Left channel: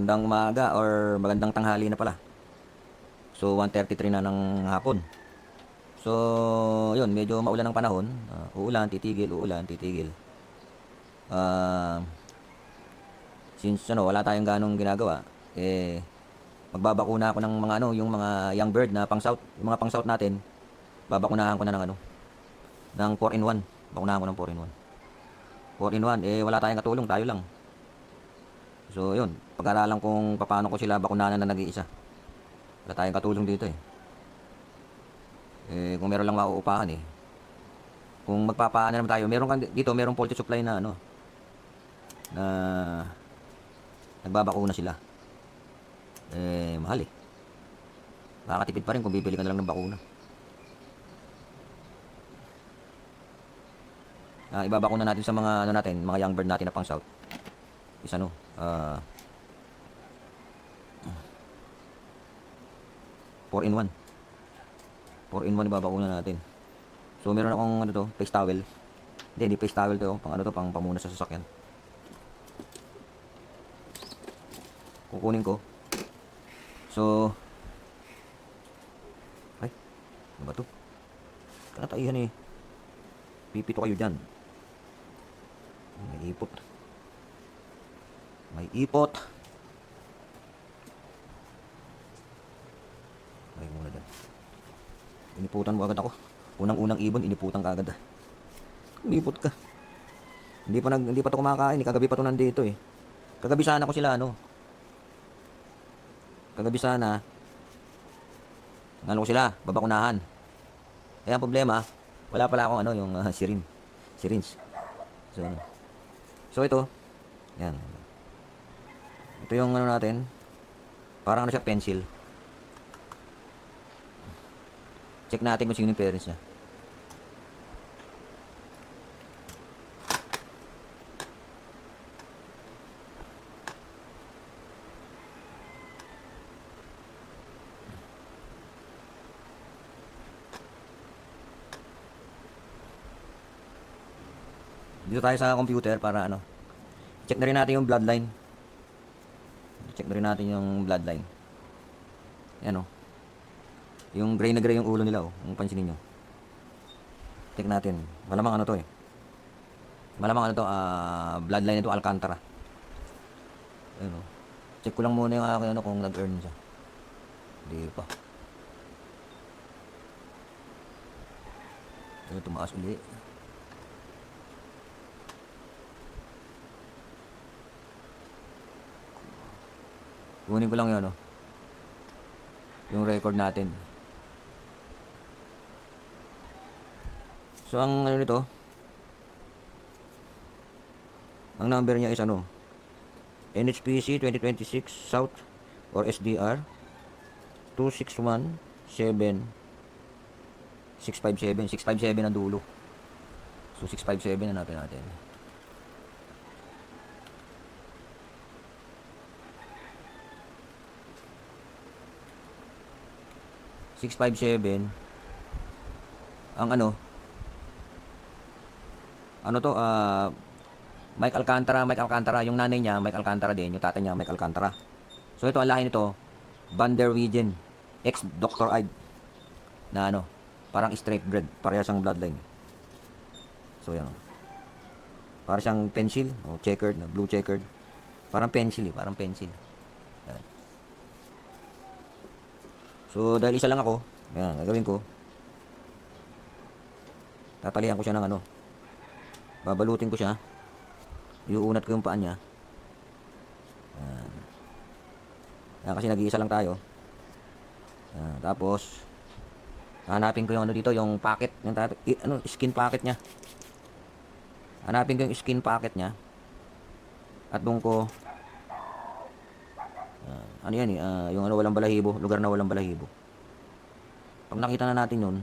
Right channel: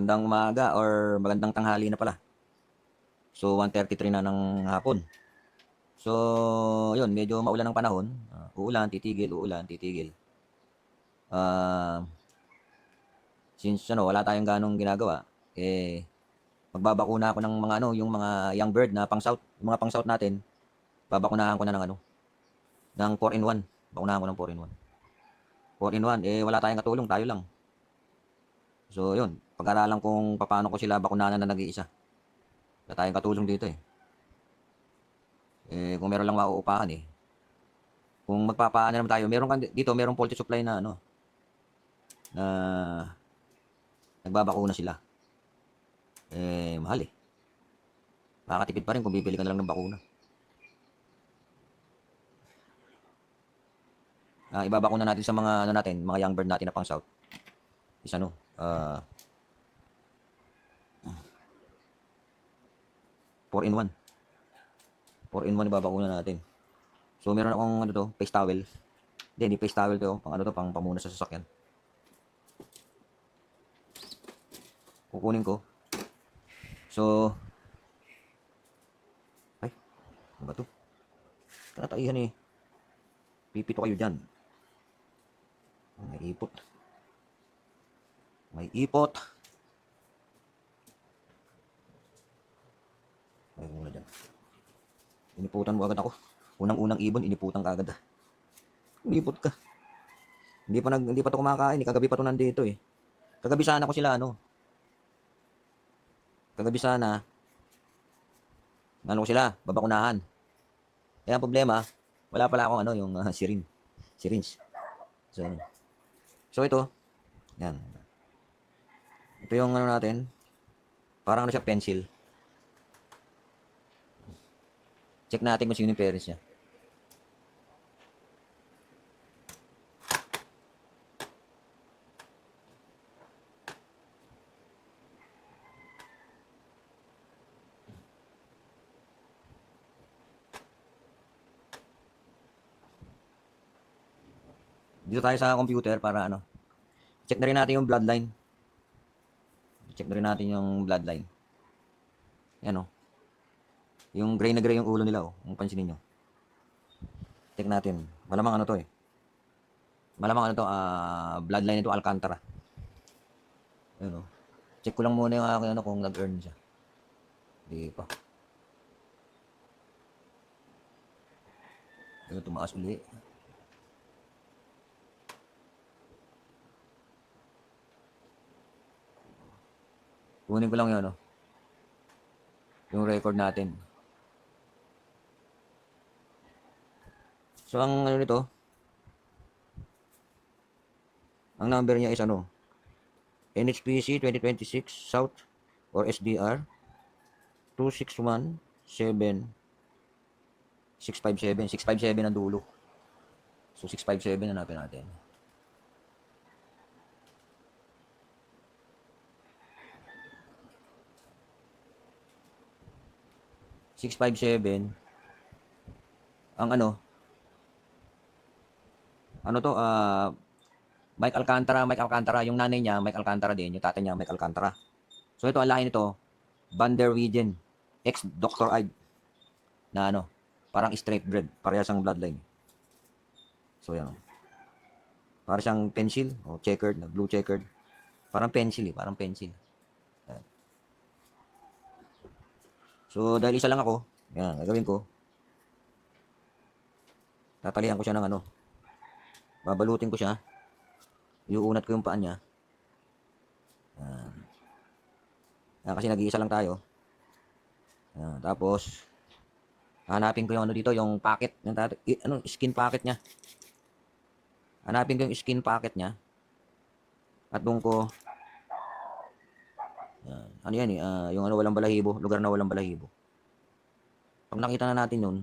Magandang umaga or magandang tanghali na pala. So 1:33 na ng hapon. So, yun, medyo maulan ang panahon. Uulan, titigil, uulan, titigil. Ah, since wala tayong ganong ginagawa, magbabakuna ako ng mga yung mga young bird na pang-south, yung mga pang-south natin, babakunahan ko na ng ng 4-in-1. Bakunahan ko ng 4-in-1. 4-in-1, wala tayong katulong, tayo lang. So, yun, pag-aralan kung paano ko sila bakunahan na nag-iisa. Wala tayong katulong dito eh. Kung meron lang mauupahan eh. Kung magpapaano naman tayo, meron kan dito, merong poultry supply na na nagbabakuna sila. Mahal eh. Makakatipid pa rin kung bibili ka na lang ng bakuna. Ibabakuna natin sa mga natin, mga young bird natin na pang south. Is 4-in-1. 4-in-1 ibabakuna natin. So meron akong face towel. Hindi face towel to, pang pamuna sa sasakyan. Kukunin ko. So ay, ano ba to? Kanataihan eh. Pipito kayo dyan. May ipot. May ipot. Ay muna dyan. Iniputan mo agad ako. Unang-unang ibon, iniputan ka agad. Ipot ka. Hindi pa to kumakain. Kagabi pa to nandito eh. Kagabi sana ko sila Kagabi sana ko sila babakunahan. Ang problema, wala pala akong yung syringe. So ito, yan. Ito yung natin. Parang siya pencil. Check natin kung sino yung parents niya. Dito tayo sa computer para check na rin natin yung bloodline. Check na rin natin yung bloodline. Yan yung gray na gray yung ulo nila kung pansinin nyo. Check natin. Malamang to eh. Malamang bloodline nito Alcantara. Ayan check ko lang muna yung aking kung nag-earn siya. Hindi pa. Ito tumaas uli. Kunin ko lang yun yung record natin. So ang nito, ang number niya is NHPC 2026 South or SDR 2617 ang dulo. So 657 na natin. Ang Mike Alcantara, yung nanay niya Mike Alcantara din, yung tatay niya Mike Alcantara. So ito ang lahi nito, Van der Wegen, ex Dr. Ide na parang straight bred, parehas ang bloodline. So yan. Parang siyang pencil, checkered, blue checkered. Parang pencil. Yan. So dahil isa lang ako, yan, gagawin ko. Tatalihan ko siya ng babalutin ko siya. Iuunat ko yung paan niya. Yan kasi nag-iisa lang tayo. Tapos hanapin ko yung dito, yung pocket, yung skin pocket niya. Hanapin ko yung skin pocket niya. At doon ko yan yung walang balahibo, lugar na walang balahibo. Pag nakita na natin yun,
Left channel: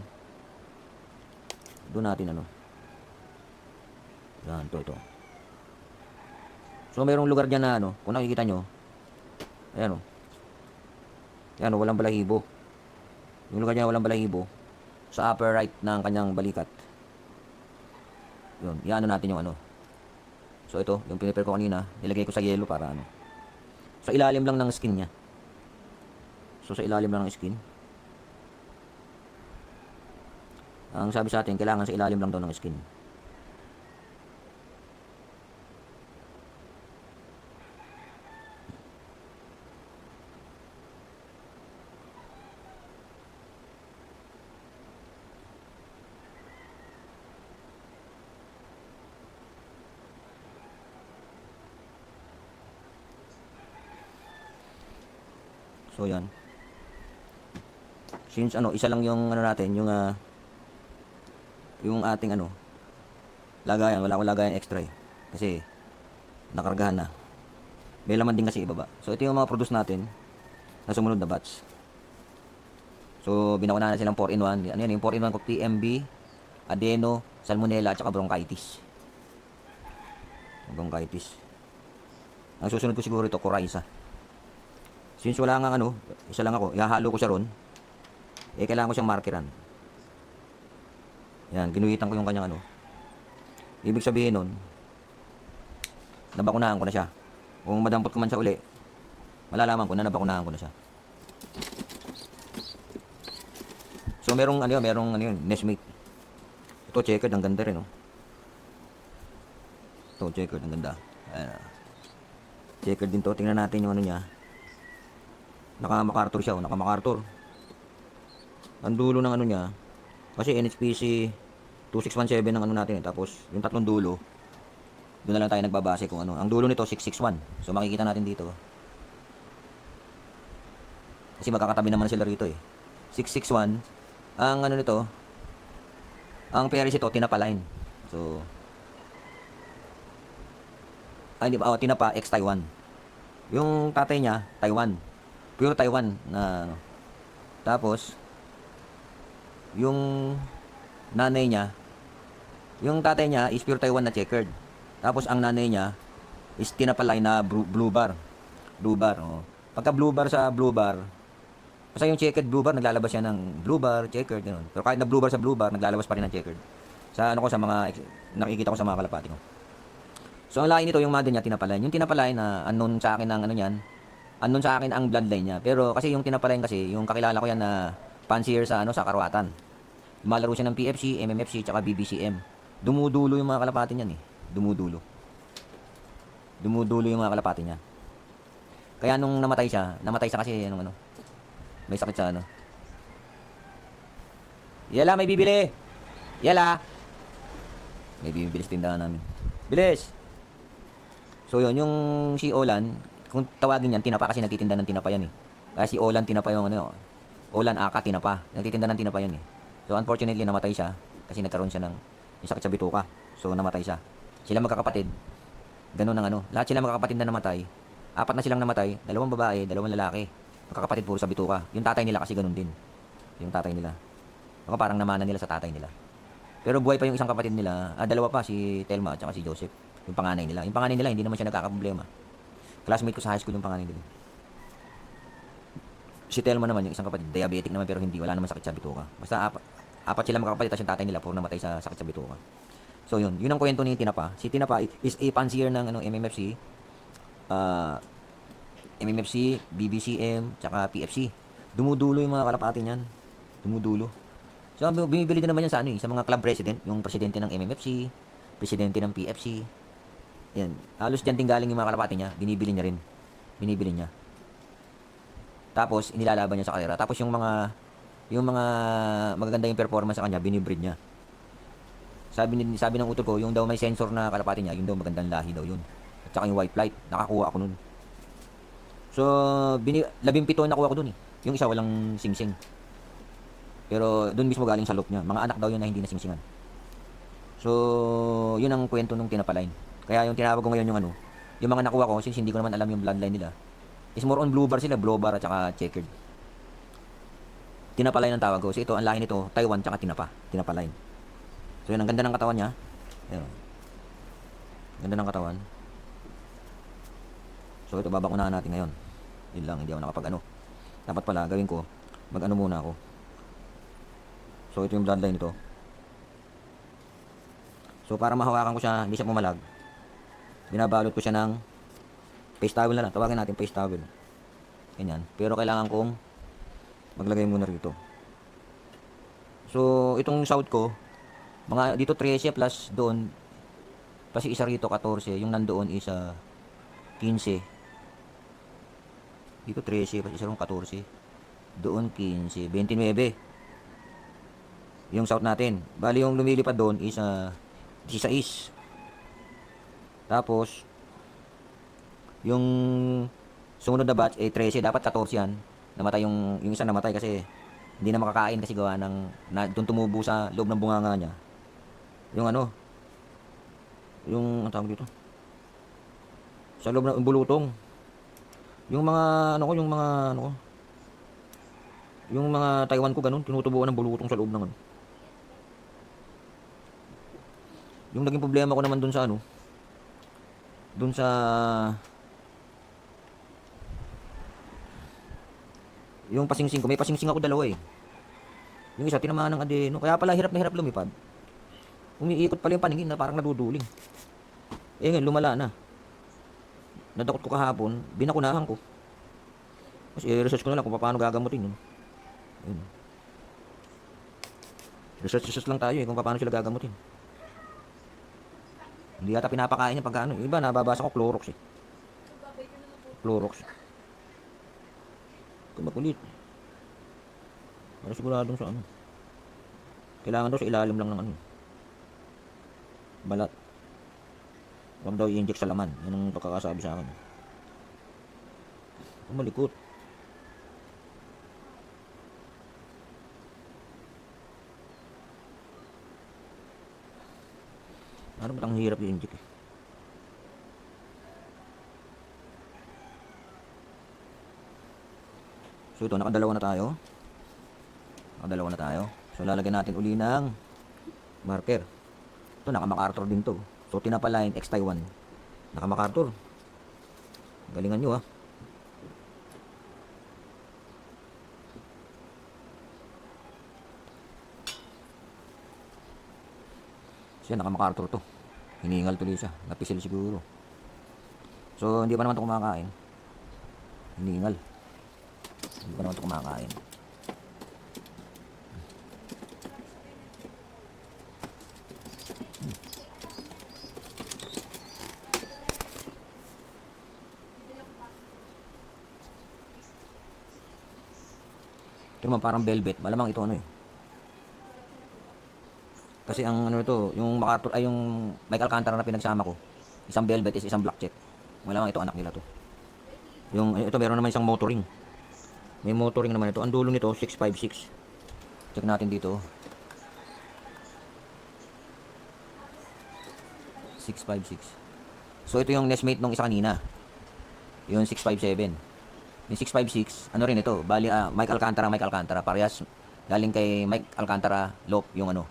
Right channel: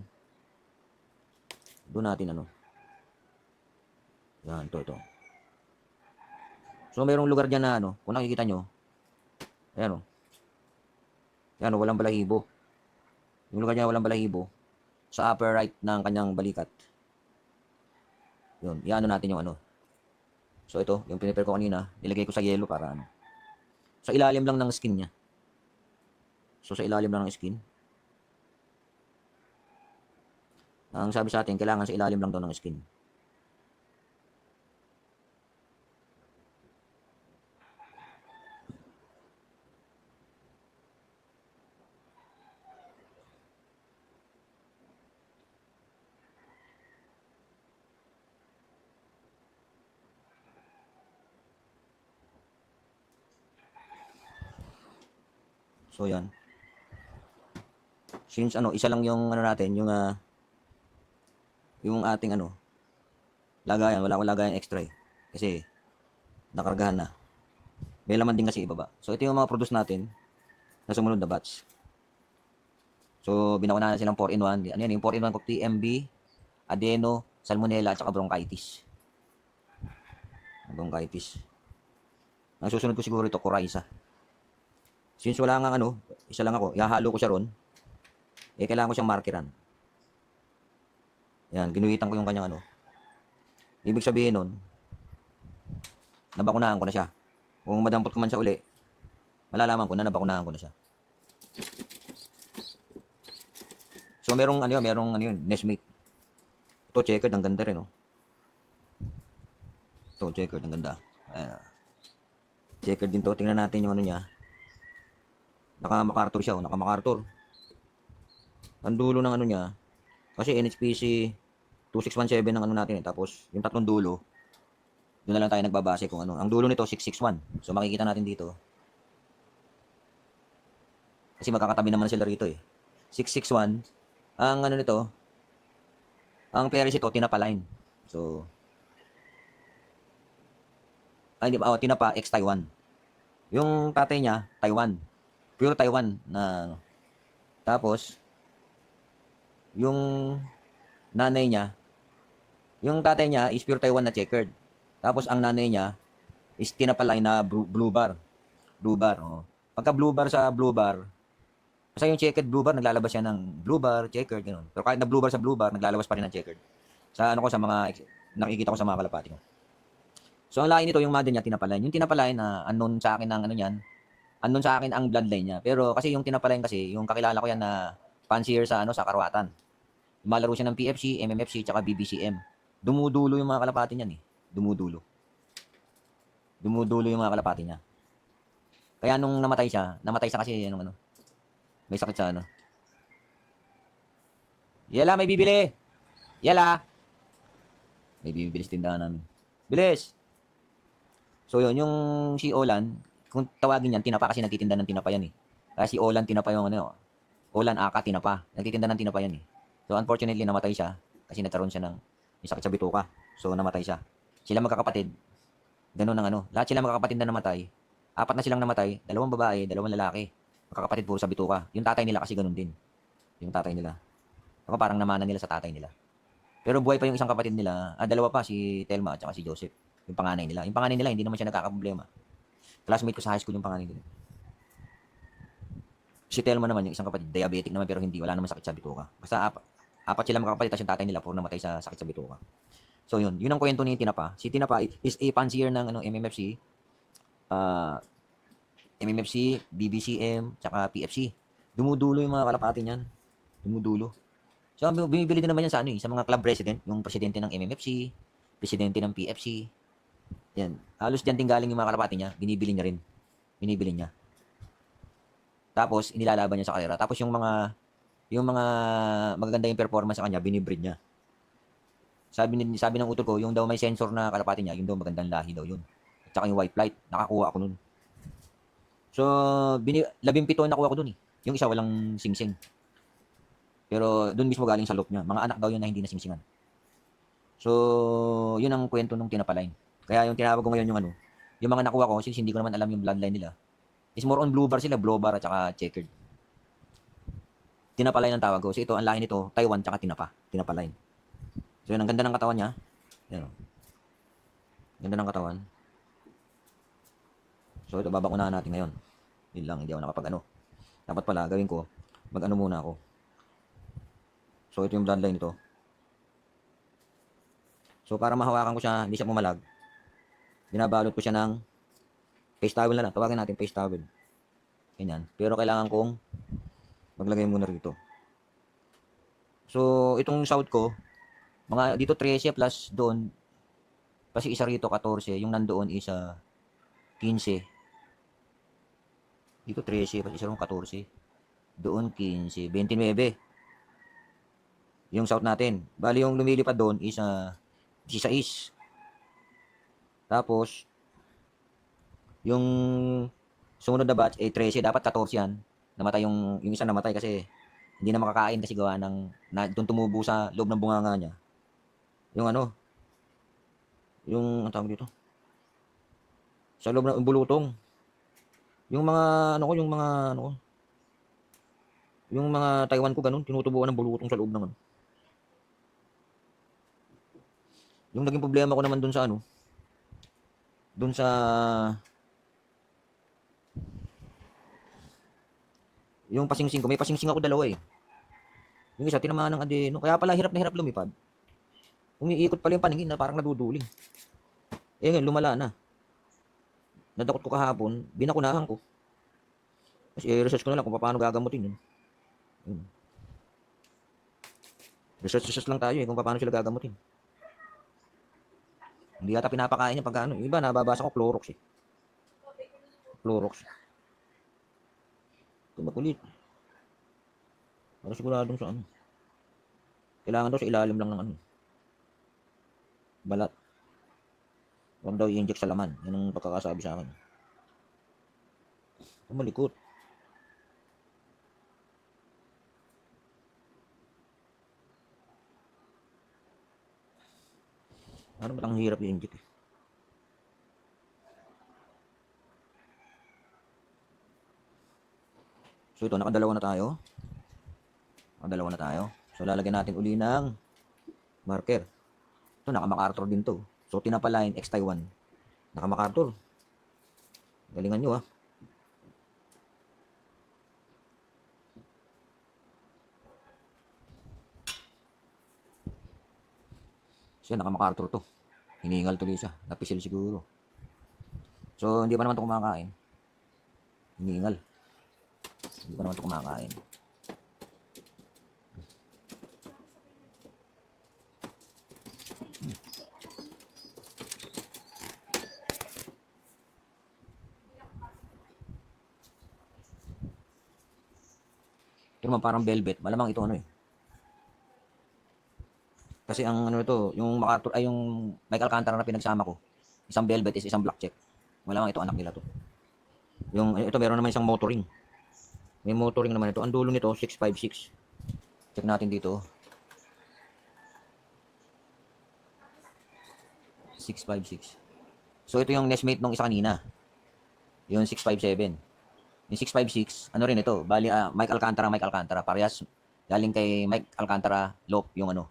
doon natin yan, ito. So mayroong lugar dyan na kung nakikita nyo, ayan yan walang balahibo. Yung lugar niya walang balahibo sa upper right ng kanyang balikat. Yun, natin yung So ito, yung pinipir ko kanina, nilagay ko sa yelo para Sa ilalim lang ng skin niya. So, sa ilalim lang ng skin. Ang sabi sa atin, kailangan sa ilalim lang daw ng skin. So, yan. Since isa lang yung natin, yung ating lagayan, wala akong lagayan extra eh. Kasi nakargahan na. May laman din kasi ibaba. So, ito yung mga produce natin na sumunod na batch. So, binakuna na silang 4-in-1. Ano yan? Yung 4-in-1 ko, TMB, adeno, salmonella, at saka bronchitis. Bronchitis. Ang susunod ko siguro ito, coryza. Since wala nga isa lang ako, ihahalo ko siya ron. Kailangan ko siyang markeran. Yan, ginuhitan ko yung kanyang Ibig sabihin nun, nabakunahan ko na siya. Kung madampot ko man siya uli, malalaman ko na nabakunahan ko na siya. So, merong Nesmate. Ito, checkered, ang ganda rin, Ito, checkered, ang ganda. Ayan. Checkered din to. Tingnan natin yung niya. Naka-MacArthur siya, naka-MacArthur. Ang dulo ng niya, kasi NHPC 2617 ng natin tapos yung tatlong dulo, doon na lang tayo nagbabase kung Ang dulo nito 661. So makikita natin dito. Kasi magkakatabi naman sila rito eh. 661. Ang nito, ang Paris ito tinapa line. So tinapa X Taiwan. Yung tatay niya Taiwan. Pure Taiwan na tapos yung nanay niya, yung tatay niya is pure Taiwan na checkered. Tapos ang nanay niya is tinapalay na blue bar. Blue bar, Pagka blue bar sa blue bar, basta yung checkered blue bar, naglalabas siya ng blue bar, checkered, gano'n. Pero kahit na blue bar sa blue bar, naglalabas pa rin ng checkered. Sa sa mga, nakikita ko sa mga kalapati ko. So ang lain nito, yung mother niya tinapalay. Yung tinapalay na unknown sa akin ng unknown sa akin ang bloodline niya. Pero kasi yung tinapalay kasi, yung kakilala ko yan na fancier sa sa Karuatan. Lumalaro siya ng PFC, MMFC, tsaka BBCM. Dumudulo yung mga kalapati niyan eh. Dumudulo yung mga kalapati niya. Kaya nung namatay siya kasi may sakit sa Yala, may bibili! Yala! May bibili sa tindahan namin. Bilis! So yun, yung si Olan, kung tawagin yan, tinapa kasi nagtitinda ng tinapa yan eh. Kaya si Olan tinapa yung Olan Aka tinapa. Nagtitinda ng tinapa yan eh. So unfortunately namatay siya kasi nagkaroon siya ng sakit sa bituka. So namatay siya. Sila magkakapatid. Ganun ang lahat sila magkakapatid na namatay. 4 na silang namatay, 2 babae, 2 lalaki. Magkakapatid puro sa bituka. Yung tatay nila kasi ganun din. Yung tatay nila. Parang namana nila sa tatay nila. Pero buhay pa yung isang kapatid nila. 2 pa, si Telma at saka si Joseph. Yung panganay nila. Yung panganay nila hindi naman siya nagkakaproblema. Classmate ko sa high school yung panganay nila. Si Telma naman yung isang kapatid, diabetic naman pero wala naman sakit sa bituka. Basta 4 sila magkakapatid at yung tatay nila puro namatay sa sakit sa bituka. So yun ang kwento ni Tinapa. Si Tinapa is a fancier ng MMFC, BBCM, tsaka PFC. Dumudulo yung mga kalapati niyan. Dumudulo. So bumibili din naman yan sa mga club president, yung presidente ng MMFC, presidente ng PFC. Yan. Halos diyan din galing yung mga kalapati niya, binibili niya. Tapos inilalaban niya sa karera. Tapos yung mga magaganda yung performance sa kanya, binibreed niya. Sabi ng utol ko, yung daw may sensor na kalapati niya, yung daw magandang lahi daw yun. At saka yung white flight, nakakuha ako nun. So, 17 nakuha ko dun eh. Yung isa walang singsing. Pero dun mismo galing sa loop niya. Mga anak daw yun na hindi na singsingan. So, yun ang kwento nung tinapalain. Kaya yung tinawag ko ngayon yung mga nakuha ko, since hindi ko naman alam yung bloodline nila, is more on blue bar sila, blue bar at saka checkered. Tinapalain ang tawag ko. So ito, ang lahi nito, Taiwan tsaka tinapalain. So yun, ang ganda ng katawan niya. Yan. Ganda ng katawan. So ito, babakunahan natin ngayon. Yun lang, hindi ako nakapag Dapat pala, gawin ko, muna ako. So ito yung bloodline nito. So para mahawakan ko siya, hindi siya pumalag, binabalot ko siya ng Face towel na lang. Tawagin natin face towel. Ganyan. Pero kailangan kong maglagay muna rito. So, itong south ko, mga dito 13 plus doon, kasi isa rito 14, yung nandoon isa 15. Dito 13, kasi isa rong 14. Doon 15, 29. Yung south natin. Bali yung lumilipad doon isa 16. Tapos, yung sumunod na batch, 13, dapat 14 yan. Namatay yung isa namatay kasi hindi na makakain kasi gawa ng, doon tumubo sa loob ng bunganga niya. Yung ano, yung, ang tawag dito? Sa loob ng bulutong. Yung mga, ano ko, yung mga, ano ko, yung mga Taiwan ko ganun, tinutubuan ng bulutong sa loob ng ano. Yung naging problema ko naman dun sa ano, dun sa yung pasingsing ko, may pasingsing ako dalawa eh. Yung isa tinamaan ng adeno, kaya pala hirap na hirap lumipad. Umiikot pala yung paningin na parang naduduling. Eh ngayon, lumala na. Nadakot ko kahapon, binakunahan ko. Kasi research ko na lang kung paano gagamutin yun. Ayun. Research lang tayo eh kung paano sila gagamutin. Hindi yata pinapakain niya pagka ano. Iba nababasa ko Clorox eh. Clorox. Makulit. Para siguradong sa ano. Kailangan daw sa ilalim lang ng ano. Balat. Huwag daw i-inject sa laman. Yan ang pagkakasabi sa akin. Malikot. Ano ba't ang hirap i-inject eh. So ito, nakadalawa na tayo. Nakadalawa na tayo. So lalagyan natin uli ng marker. Ito, naka-MacArthur din to. So Tinapa-Line X Taiwan. Naka-MacArthur. Galingan nyo ah. Siya, naka-MacArthur to. Hiningal tuloy siya. Napisil siguro. So hindi pa naman to kumakain. Hiningal. Hindi pa naman ito kumakain. Ito naman parang velvet. Malamang ito ano eh. Kasi ang ano ito, yung MacArthur, ay yung Mike Alcantara na pinagsama ko. Isang velvet is isang black check. Malamang ito anak nila to. Yung ito meron naman isang motoring. May motoring naman ito. Ang dulo nito 656. Check natin dito. 656. So ito yung nestmate nung isa kanina. Yung 657. Yung 656, ano rin ito? Bali Mike Alcantara, parehas galing kay Mike Alcantara Lope yung ano,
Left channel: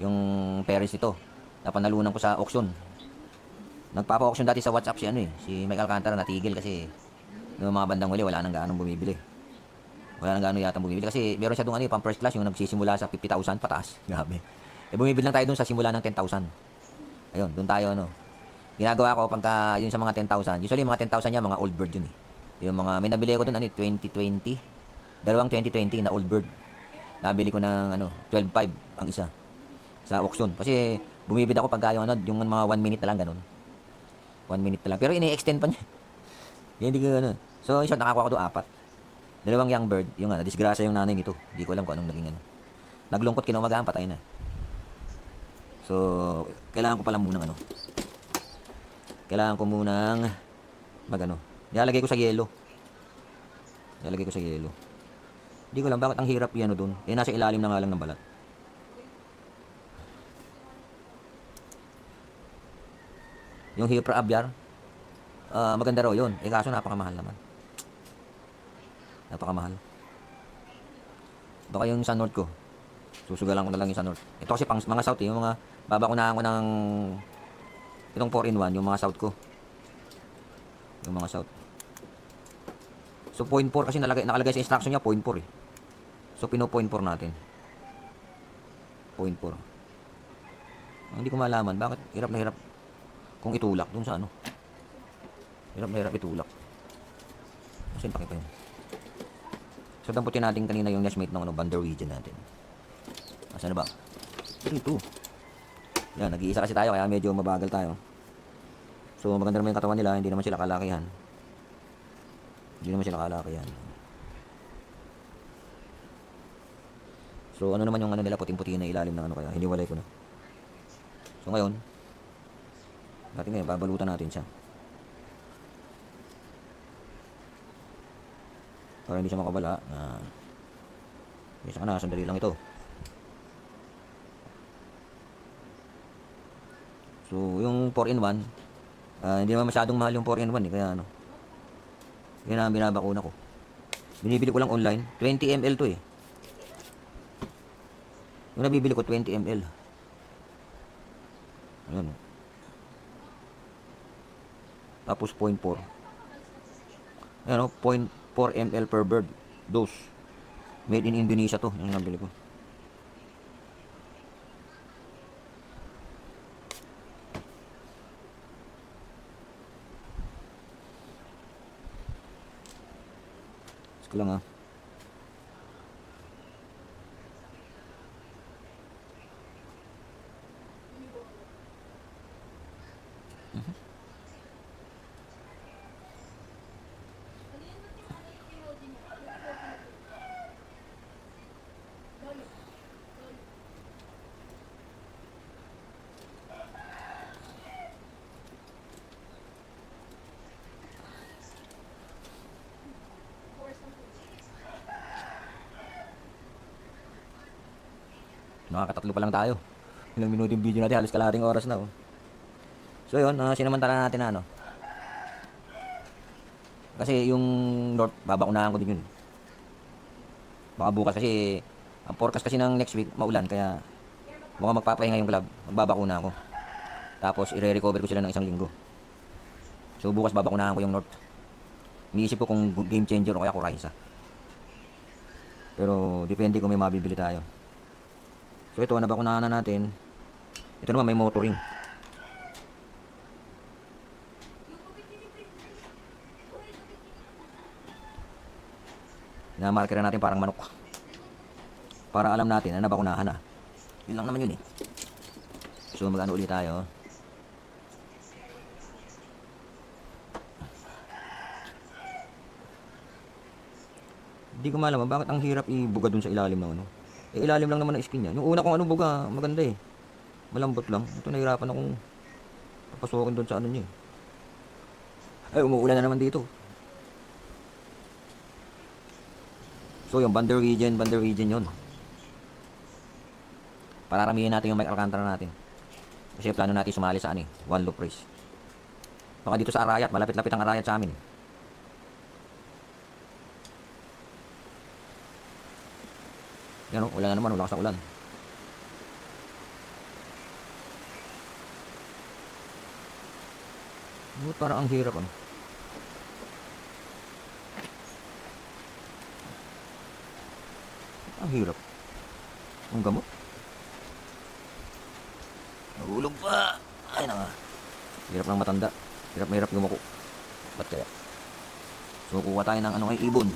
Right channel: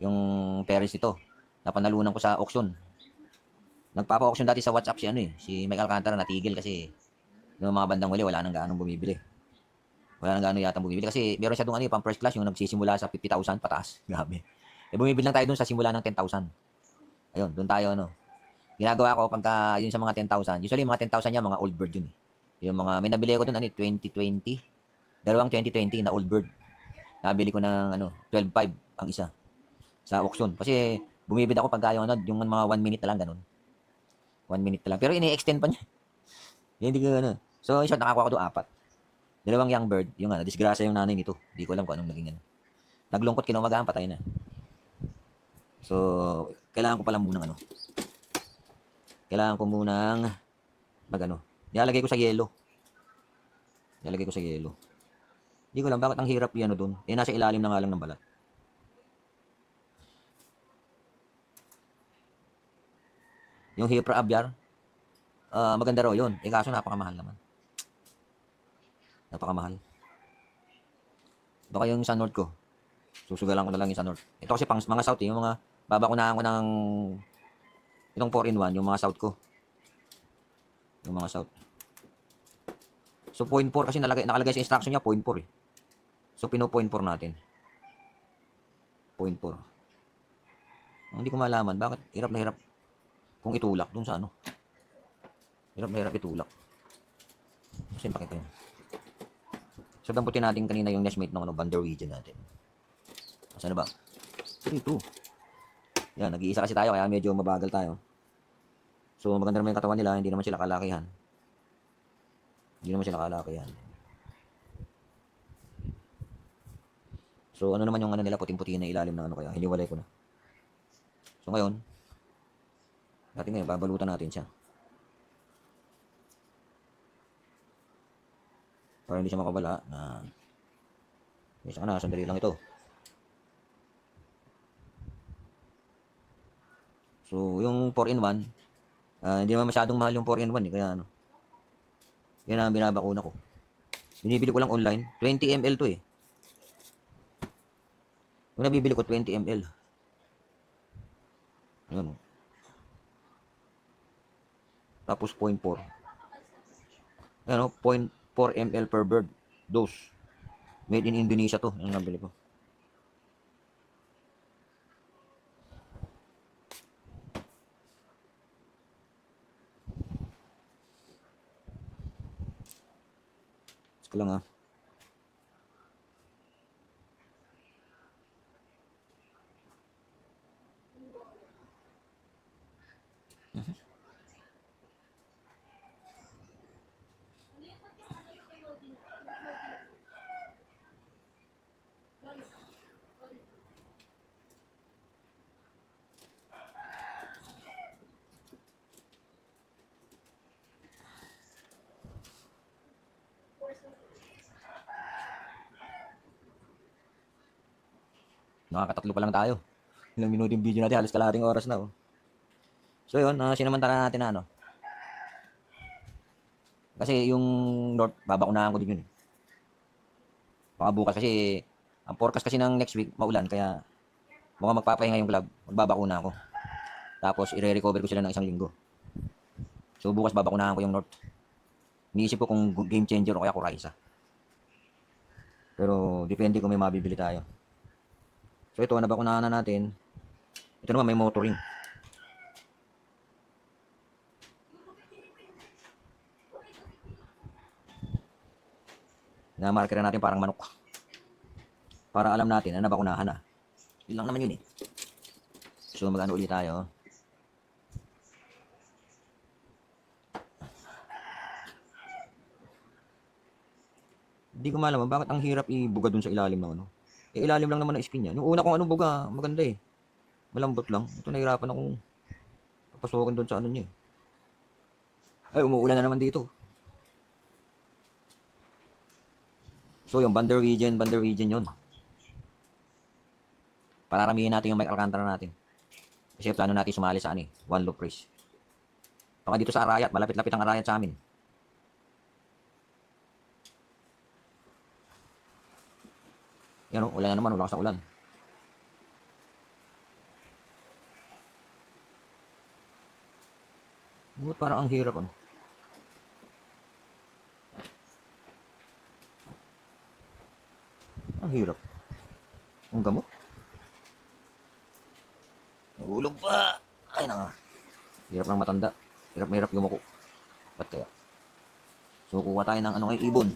yung Paris ito. Napanalunan ko sa auction. Nagpapa-auction dati sa WhatsApp si ano eh, si Mike Alcantara natigil kasi noong mga bandang huli wala nang gaanong bumibili. Wala nang gaano yata bumibili kasi meron siya doon ano, pang first class yung nagsisimula sa 50,000 pataas. Grabe. Eh bumibili lang tayo doon sa simula ng 10,000. Ayun, doon tayo ano. Ginagawa ko pagka yun sa mga 10,000. Usually mga 10,000 niya mga old bird yun eh. Yung mga may nabili ako doon ano 2020. Dalawang 2020 na old bird. Nabili ko ng ano 12.5 ang isa sa auction. Kasi bumibili ako pagka yung ano yung mga 1 minute na lang ganun. 1 minute na lang. Pero ini-extend pa niya. Hindi ko ano. So isa nakakuha ko doon apat. Dalawang young bird, yung ano, disgrasya yung nanay nito. Hindi ko alam kung anong naging ano. Naglungkot kinumagahan, patay na. So, kailangan ko pala munang ano. Kailangan ko munang magano. Ilalagay ko sa yelo. Ilalagay ko sa yelo. Hindi ko lang bakit ang hirap yan doon. Eh nasa ilalim na nga lang ng balat. Yung Hypra aviar, maganda raw yun. Eh kaso napakamahal naman. Napakamahal. Baka yung sa north ko. Susugalan ko na lang yung sa north. Ito kasi pang mga south eh. Yung mga babakunahan ko ng itong 4-in-1. Yung mga south ko. Yung mga south. So 0.4 kasi nakalagay sa instruction niya 0.4 eh. So pino 0.4 natin. 0.4. Hindi ko malaman bakit hirap na hirap kung itulak dun sa ano. Hirap na hirap itulak. Kasi pakita yun. So, damputin natin kanina yung nestmate ng Van der Wegen natin. Asan na ba? Ito. Yan, nag-iisa kasi tayo kaya medyo mabagal tayo. So, maganda naman yung katawan nila, hindi naman sila kalakihan. So, ano naman yung ano nila, puting-puti na ilalim ng ano kaya, hiniwalay ko na. So, ngayon, babalutan natin siya. Para hindi siya makabala. Isa ka na, sandali lang ito. So, yung 4-in-1, hindi naman masyadong mahal yung 4-in-1 eh, kaya ano. Yan ang binabakuna ko. Binibili ko lang online, 20 ml to eh. Yung nabibili ko 20 ml. Ayan. Tapos 0.4. Ayan o, 0.4 ml per bird dose. Made in Indonesia to, yung nabili ko. Ko lang ha. Nakakatatlo pa lang tayo. Ilang minuto yung video natin, halos kalahating oras na oh. So yun, sinamantala natin na ano. Kasi yung north, babakunahan ko din yun. Baka bukas kasi, ang forecast kasi ng next week, maulan. Kaya, baka magpapahinga yung club, magbabakuna ako. Tapos, i-recover ko sila ng 1 linggo. So bukas babakunahan ko yung north. Iniisip ko kung game changer o kaya Coraisa. Pero, depende kung may mabibili tayo. So ito, nabakunahan na natin. Ito naman may motoring. Namarker na natin parang manok. Para alam natin na nabakunahan na. Yun lang naman yun eh. So magano ulit tayo. Hindi ko malaman bakit ang hirap ibuga dun sa ilalim ng ano. Ilalim lang naman ng skin niya. Yung una kong ano buga, maganda eh. Malambot lang. Ito nahirapan akong papasukin doon sa ano niya eh. Ay, umuulan na naman dito. So yung Van der Wegen yun. Pararamihin natin yung Mike Alcantara natin. Kasi plano natin sumali sa ano eh, one loop race. Baka dito sa Arayat, malapit-lapit ang Arayat sa amin. Yan o, ulan na naman, wala kasang ulan. Parang ang hirap ano. Ang hirap. Ang gamot. Nahulog pa. Ay naka. Hirap ng matanda. Hirap na hirap yumuko. Ba't kaya? So kuha tayo ng ano kay ibon.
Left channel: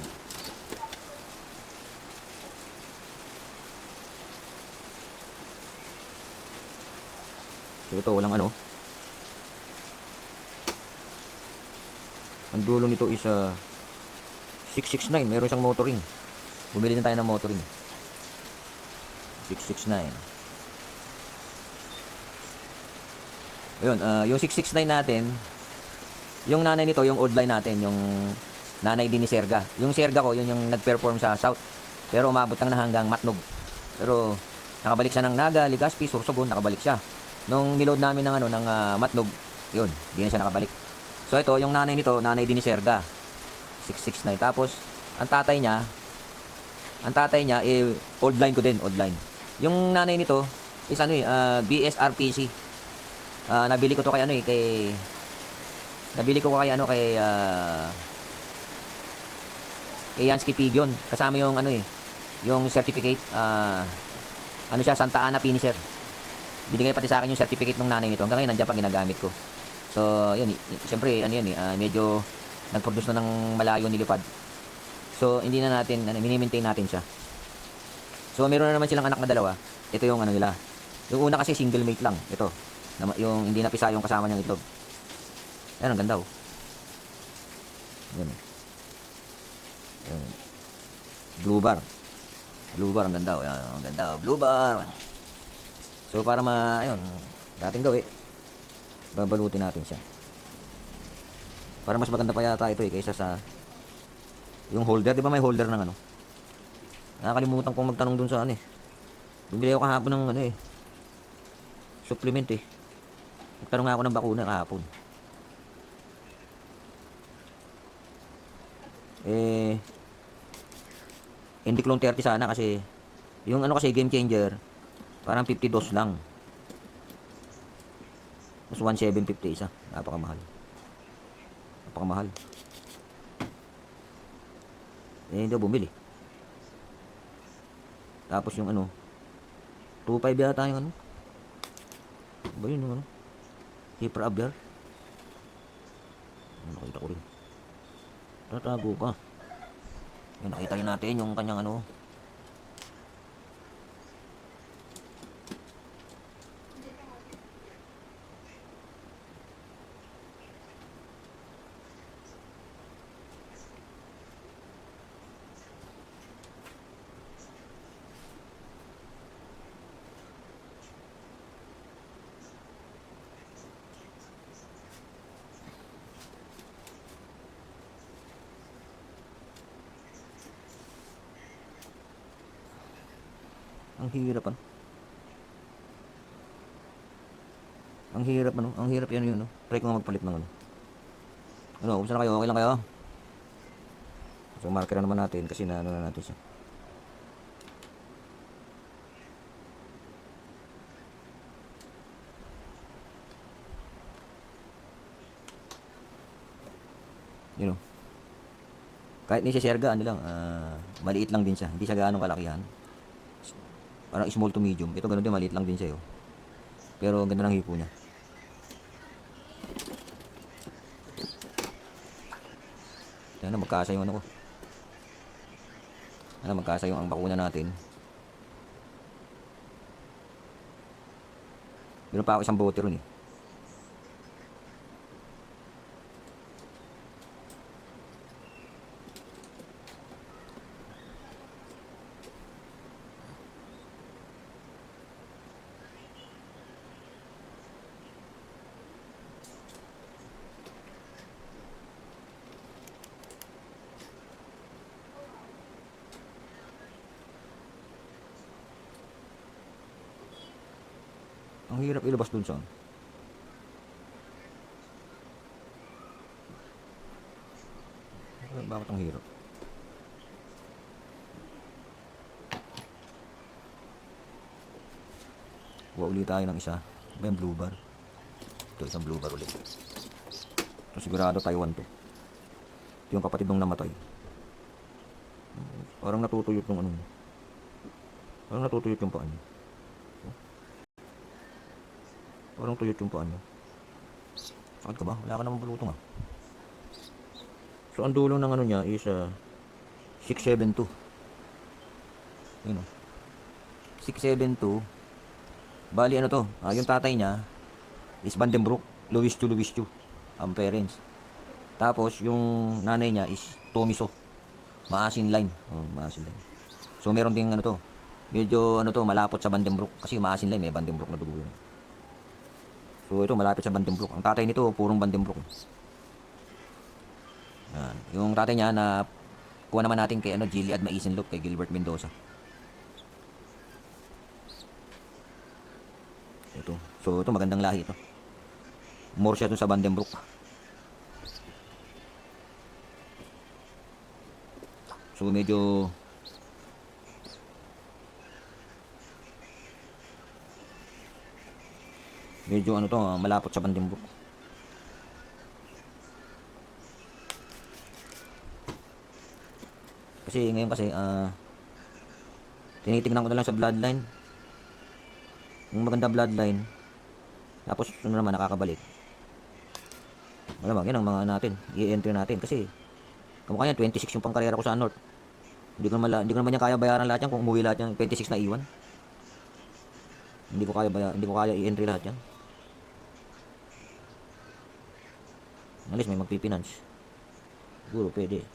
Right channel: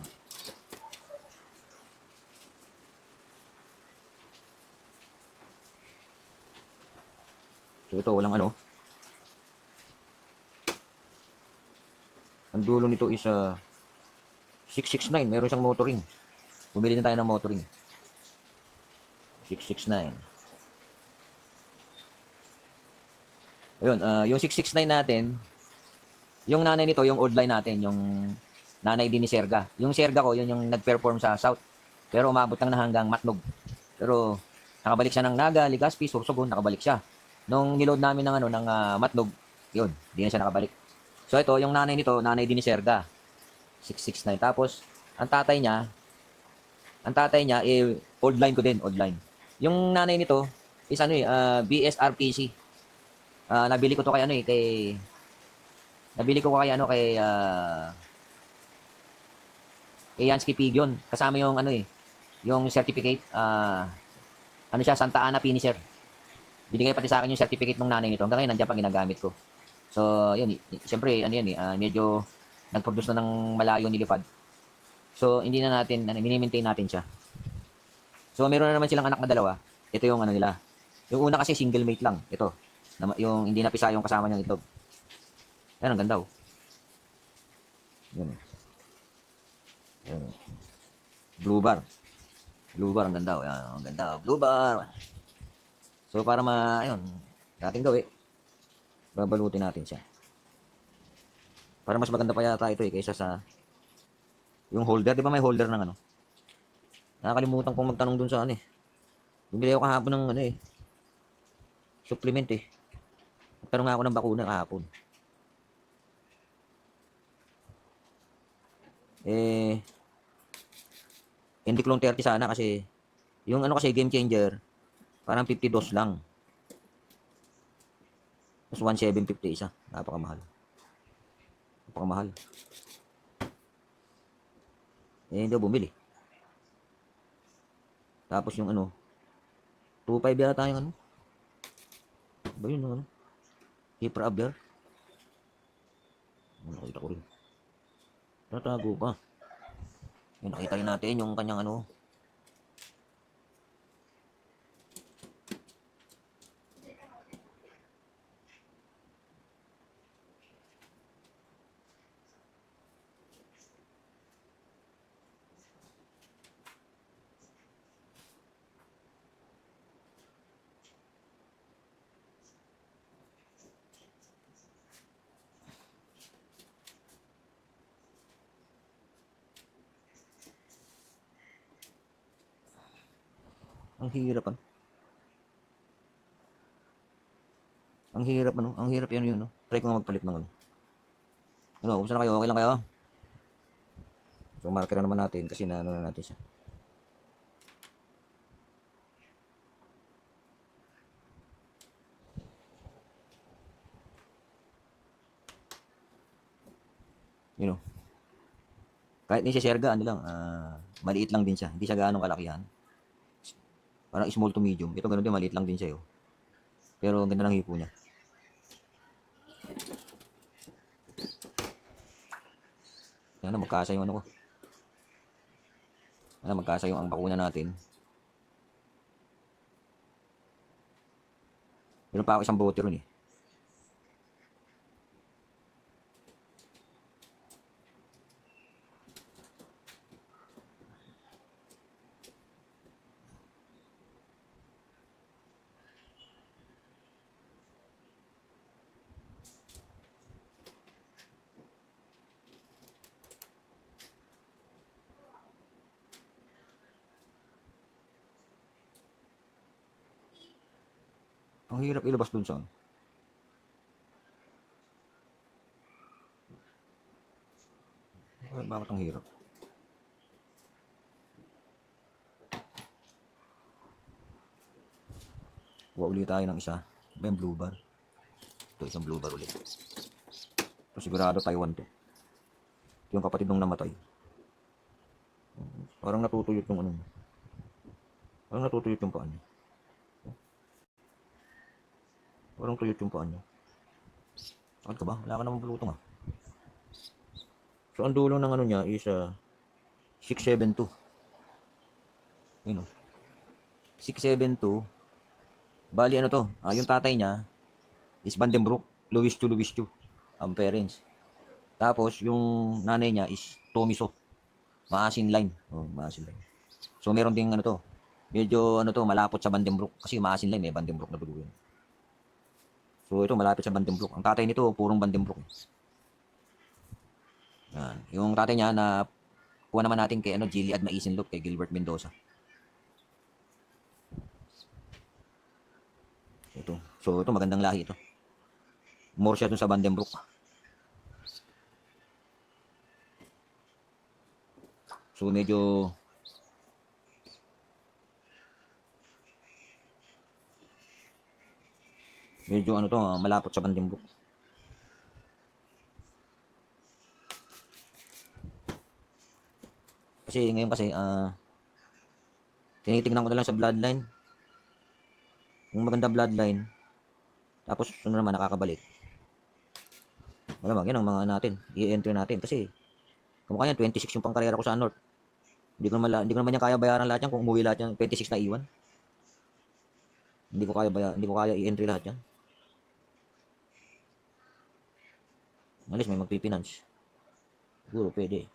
So ito walang ano. Ang dulo nito is 669. Meron siyang motoring. Bumili din tayo ng motoring. 669. Ayun, yung 669 natin, yung nanay nito, yung old line natin, yung nanay din ni Serga. Yung Serga ko, yun yung nag-perform sa South. Pero umabot lang na hanggang Matnog. Pero nakabalik siya ng Naga, Legazpi, Sorsogon, nakabalik siya. Nung niload namin ng ano ng Matnog, yun, di na siya nakabalik. So ito, yung nanay nito, nanay din ni Serga. 669. Tapos ang tatay niya old line ko din, old line. Yung nanay nito is ano BSRPC. Nabili ko to kay ano kay Yansky Pigeon. Kasama yung ano yung certificate, ano siya, Santa Ana finisher. Binigay pati sa akin yung certificate ng nanay nito. Hanggang ngayon nandiyan pa ginagamit ko. So, yun, siyempre, ano yan medyo nag-produce na ng malayo nilipad. So, hindi na natin, mini-maintain natin siya. So, meron na naman silang anak na dalawa. Ito yung ano nila. Yung una kasi single mate lang. Ito. Yung hindi napisa yung kasama niyang itlog. Yan, ang ganda oh. Yan. Yan. Blue bar. Blue bar, ang ganda oh. Yan, ang ganda oh. Blue bar. So, para ayun, dating gawin. Babalutin natin siya. Para mas maganda pa yata ito kaysa sa yung holder. Di ba may holder ng ano? Nakakalimutan kong magtanong dun sa ano bumili ako kahapon ng supplement Magtanong nga ako ng bakuna kahapon. Hindi clone 30 sana kasi yung ano kasi game changer parang 50 dos lang. Mas 1,750 isa. Napakamahal. Napakamahal. Hindi ako bumili. Tapos yung 2.5 yata yung ba yun yung Hyper Abwehr. Nakita ko rin. Tatago pa. Yan, nakita rin natin yung kanyang ang hirap ang hirap yan yun try ko nga magpalit ng kumusta na kayo, okay lang kayo? So marker na naman natin kasi na natin siya. Yun kahit ni si Serga maliit lang din siya, hindi siya gaano kalakihan, parang small to medium. Ito ganun din, maliit lang din siya pero ang ganda ng hipo niya. Yan na, magkasa yung magkasa yung ang bakuna natin. Meron pa ako isang bote ron Ang hirap ilabas dun sa bakit ang hirap? Kuha ulit tayo ng isa. May blue bar. Ito, isang blue bar ulit. Ito sigurado Taiwan to. Ito yung kapatid nung namatay. Parang natutuyot yung parang natutuyot yung paan. Parang tuyot yung paan. Sakit ka ba? Wala ka namang bulutong So ang dulo ng niya is 672. Yun 672. Bali to? Yung tatay niya is Vandenbroek, Louis II ang parents. Tapos yung nanay niya is Tomiso, Maasin line. Maasin line. So meron ding to. Medyo malapot sa Vandenbroek kasi Maasin line may Vandenbroek na dugo. So ito malapit sa Vandenbroek. Ang tatay nito purong Vandenbroek. Yan. Yung tatay niya na kuha naman natin kay Gilead Maisinloop, kay Gilbert Mendoza. Ito. So ito magandang lahi ito. More siya dun sa Vandenbroek. So medyo malapot sa Vandenbroek. Kasi ngayon tinitingnan ko na lang sa bloodline. Yung maganda bloodline. Tapos naman nakakabalik. Wala ba, yan ang mga natin, i-entry natin. Kasi, kamukha yan, 26 yung pangkarera ko sa North. Hindi ko naman yan kaya bayaran lahat yan kung umuwi lahat yan, 26 na iwan. Hindi ko kaya i-entry lahat yan. At least may magpipinance. Siguro pwede.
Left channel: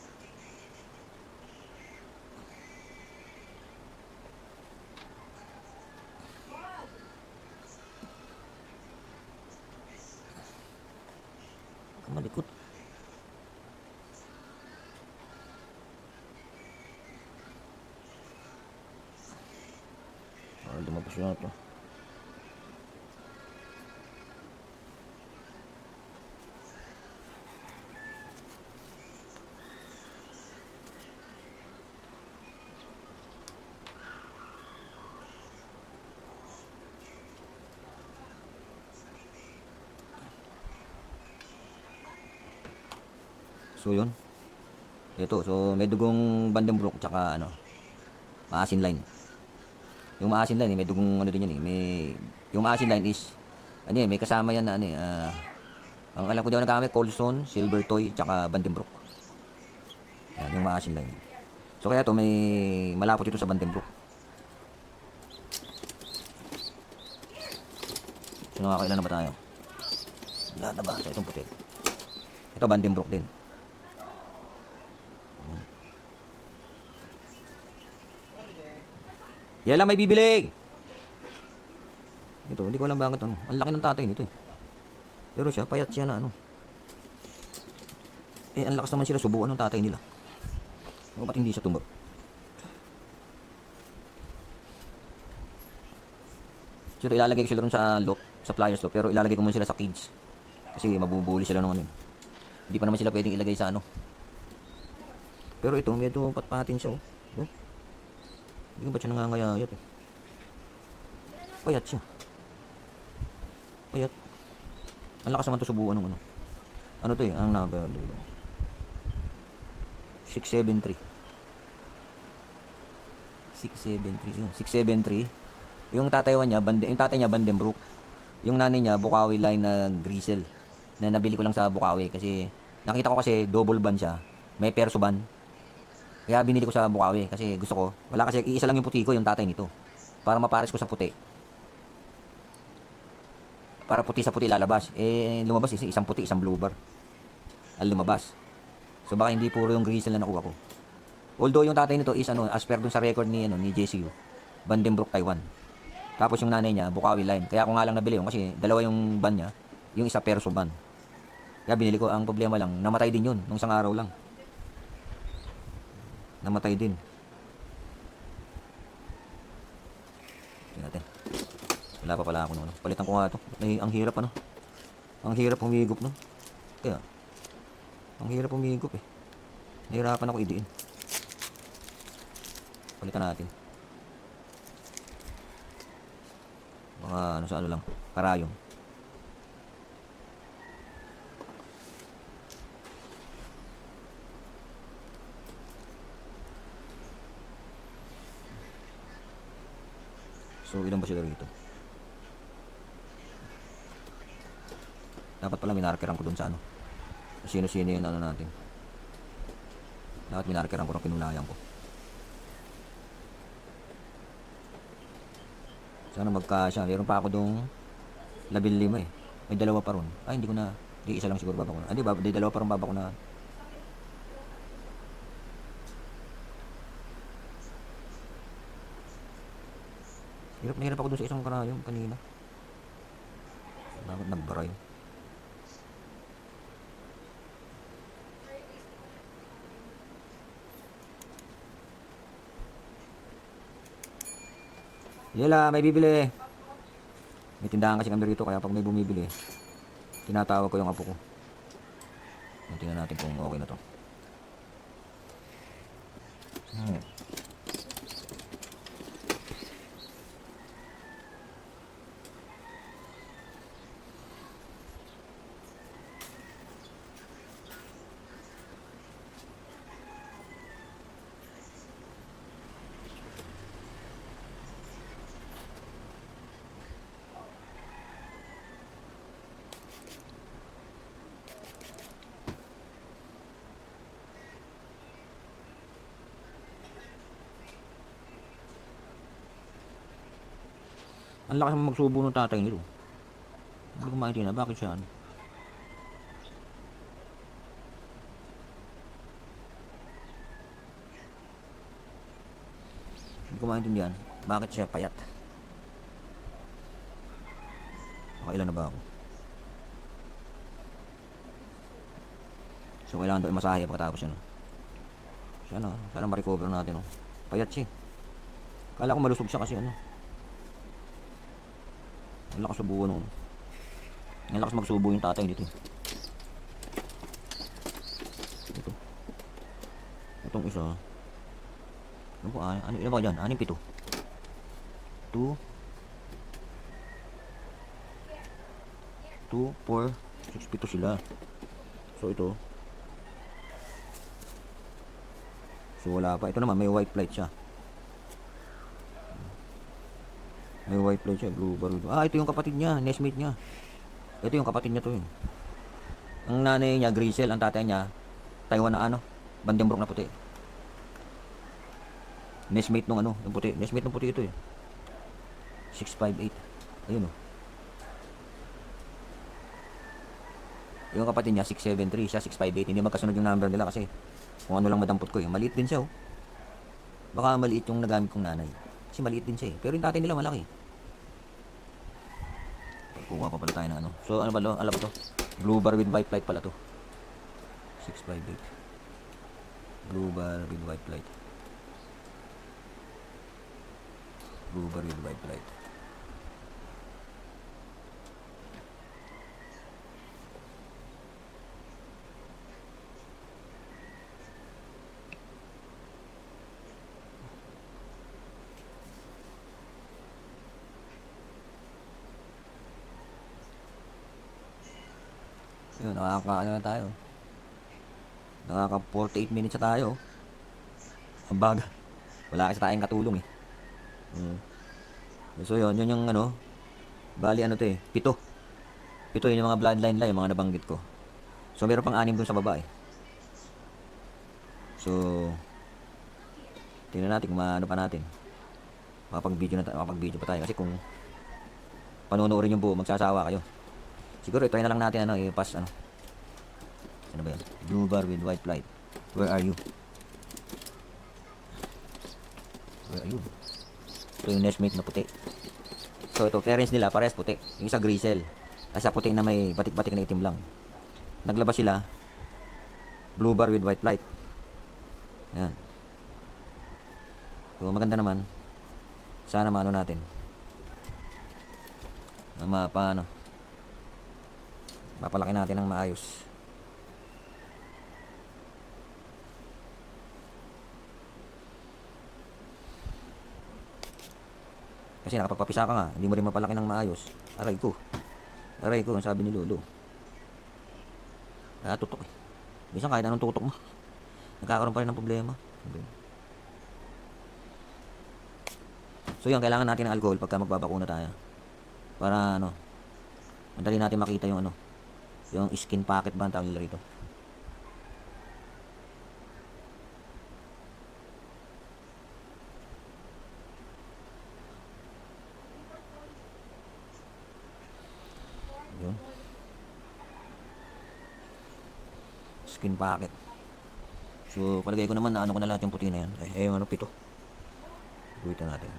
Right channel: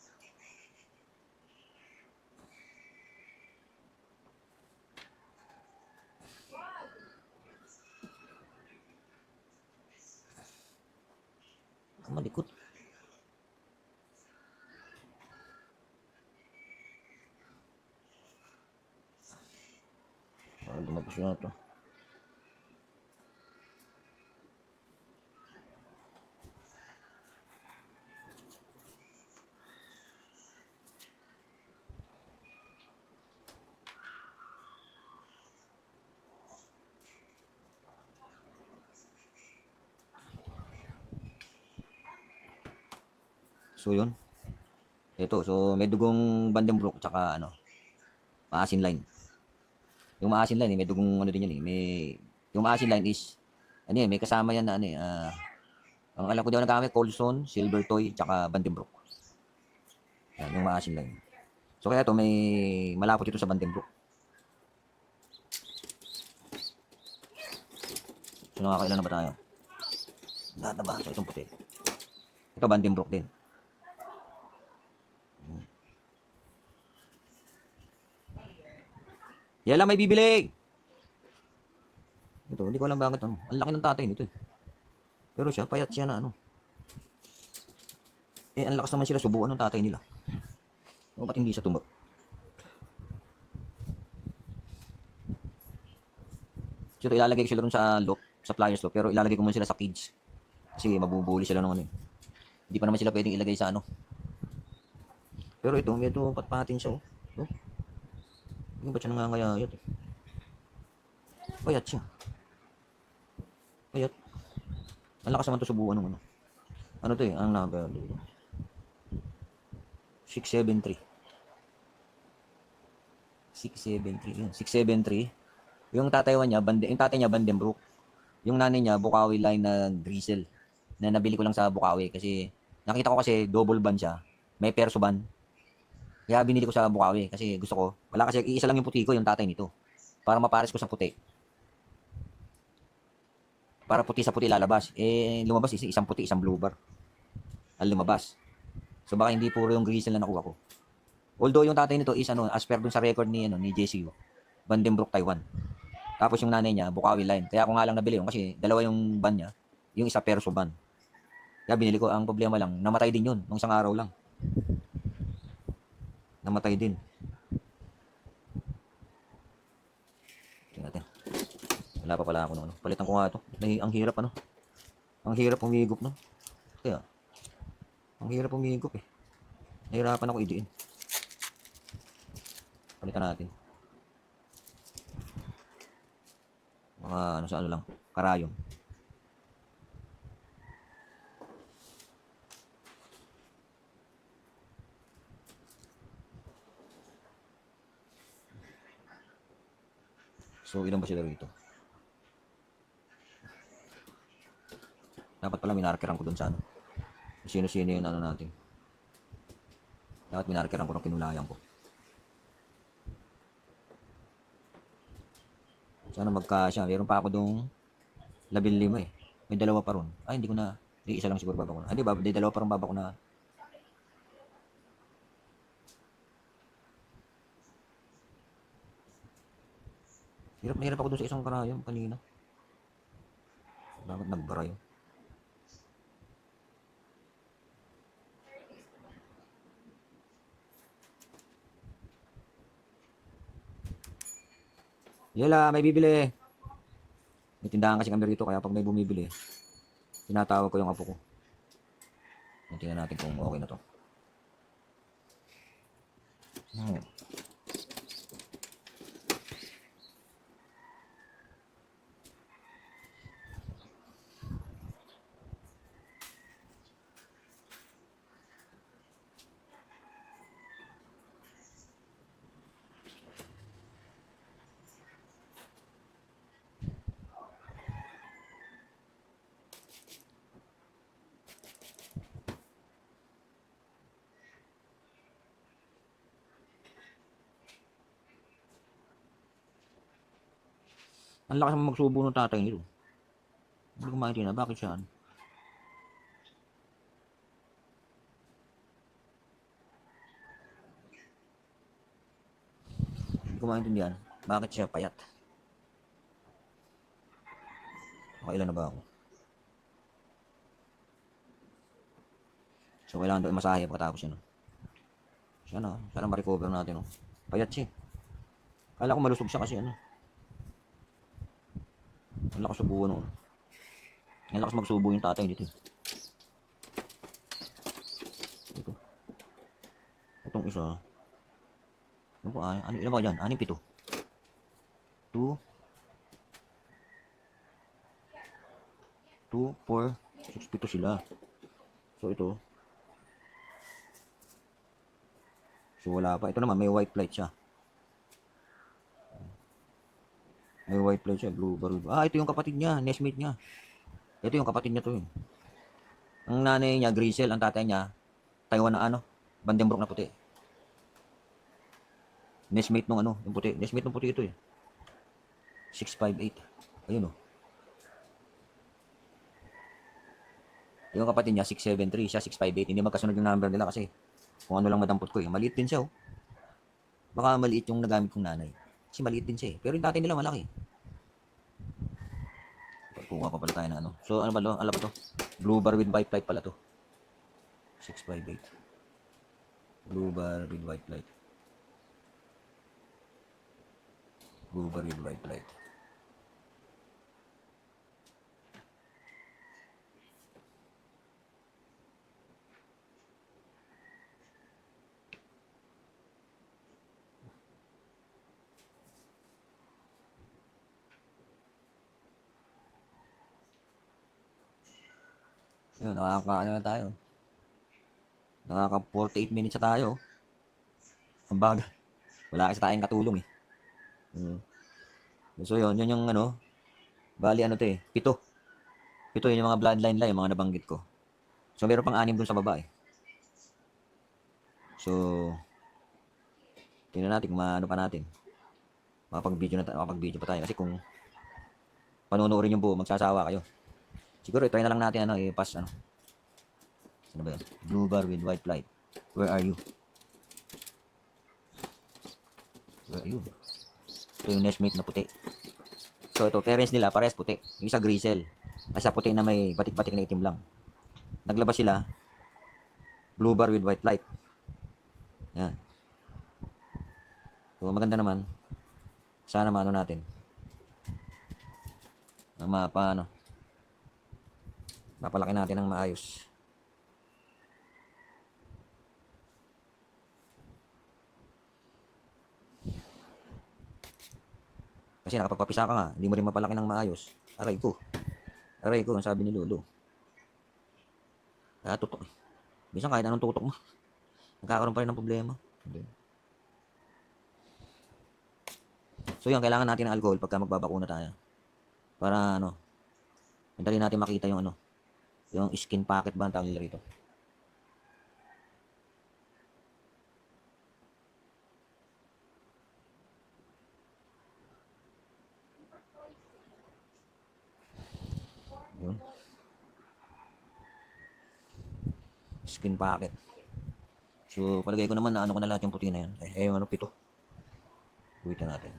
Malikot. Dumapos na ito. So yun. Ito, so may dugong Vandenbroek tsaka ano, maasin line. Yung maasin line, may dugong ano din yan eh. Yung maasin line is, ano may kasama yan na ano ang alam ko daw nagamit, Coldstone, Silver Toy, tsaka Vandenbroek. Yan, yung maasin line. So kaya to may malapot ito sa Vandenbroek. So nakakailan na ba tayo? Lahat na ba? So itong puti. Ito Vandenbroek din. Yan lang may bibili. Ito, hindi ko alam bakit ano. Ang laki ng tatay nito eh. Pero siya, payat siya na ano. Ang lakas naman sila subuan ng tatay nila. O ba't hindi siya tumbag? So ilalagay ko sila rin sa loop, sa flyers loop. Pero ilalagay ko muna sila sa cage. Kasi mabubuli sila ng ano eh. Hindi pa naman sila pwedeng ilagay sa ano. Pero ito, medyo patpatin siya oh. Hindi ba siya nangangayayat eh. Payat siya. Payat. Ang lakas naman ito subuan ng ano. Ano to eh, ang number 673. 673 yun. 673. Yung tatay niya, yung tatay niya Vandenbroek. Yung nanay niya, Bukawi line na Grisel. Na nabili ko lang sa Bukawi kasi nakita ko kasi double ban siya. May perso ban. Kaya binili ko sa Bukawi kasi gusto ko. Wala kasi iisa lang yung puti ko, yung tatay nito. Para mapares ko sa puti. Para puti sa puti lalabas. Lumabas isang puti, isang blue bar. Ang lumabas. So baka hindi puro yung Grisel na nakuha ko. Although yung tatay nito is ano, as per dun sa record ni JCU, Vandenbroek Taiwan. Tapos yung nanay niya, Bukawi line. Kaya ako nga lang nabili yun kasi dalawa yung ban niya, yung isa perso ban. Kaya binili ko, ang problema lang, namatay din yun, nung isang araw lang. Namatay din. Tingnan natin. Wala pa pala ako no. Palitan ko nga ito. Ang hirap ano. Ang hirap humigop no. Kaya, ang hirap humigop eh. Nahirapan ako idiin. Palitan natin. Mga ano sa ano lang. Karayom. So, ilan ba sila rito? Dapat pala minarkeran ko dun sa ano. Sino-sino yung ano natin. Dapat minarkeran ko ng pinulayan ko. Sana magkasya. Meron pa ako dong 15 eh. May dalawa pa ron. Ay, hindi ko na. Di isa lang siguro baba ko na. Di ba? Di dalawa pa ron baba ko na. Hirap na hirap ako dun sa isang karayom kanina. Bakit nagbara yun? Yela, may bibili. May tindahan kasi kami rito kaya pag may bumibili, tinatawag ko yung apo ko. Tingnan natin kung okay na to. Ang lakas naman magsubo ng tatay nito. Hindi ko maintindihan, bakit siya? Hindi ko maintindihan, bakit siya payat? Nakailan na ba ako? So, kailangan daw masahe pagkatapos yan. Sana ma-recover natin. Payat siya. Kala ko malusog siya kasi ano. Ang lakas subuho nung. Ang lakas magsubo yung tatay dito. Ito. Itong isa. Ano ba? Ano ba yan? 6, 7. 2, 4, 6, 7 sila. So ito. So wala pa. Ito naman may white light siya. May white light siya. Blue bar. Ito yung kapatid niya. Nestmate niya. Ito yung kapatid niya to. Ang nanay niya Grisel. Ang tatay niya Taiwan na ano. Vandenbroek na puti. Nestmate nung ano. Yung puti. Nestmate nung puti ito 658. Ayun Yung kapatid niya 673. Siya 658. Hindi magkasunod yung number nila kasi kung ano lang madampot ko Maliit din siya Baka maliit yung nagamit kong nanay. Kasi maliit din siya Pero yung tatay nila malaki. Kuha pa pala tayo na ano. So ano ba lo? Alam ba to? Blue bar with white light pala to. 658. Blue bar with white light. Blue bar with white light. Yun, ano na tayo. Nakaka 48 minutes na tayo. Ang baga. Wala kasi tayong katulong So yun yung ano. Bali ano to 7. 7 yun yung mga bloodline lang, yung mga nabanggit ko. So meron pang 6 dun sa baba So tingnan natin kung ano pa natin. Makapag-video pa tayo. Kasi kung panonoorin yung buo, magsasawa kayo. Siguro i-try na lang natin i-pass ano. Ano ba yan? Blue bar with white light. Where are you? Where are you? Ito yung nestmate na puti. So ito, parents nila, parehas puti. Yung isa Grisel. Sa puti na may batik-batik na itim lang. Naglabas sila. Blue bar with white light. Yan. So maganda naman. Sana maano natin. Mapalaki natin ng maayos. Kasi nakapagpapisa ka nga, hindi mo rin mapalaki ng maayos. Aray ko, ang sabi ni Lolo. Tutok Minsan kahit anong tutok mo, nagkakaroon pa rin ng problema. So yan, kailangan natin ng alcohol pagka magbabakuna tayo. Para madali natin makita yung yung skin pocket ba ang tawag nila rito. Yun. Skin pocket. So palagay ko naman na ko na lahat yung puti na yan. Ay 7. Buwitan natin.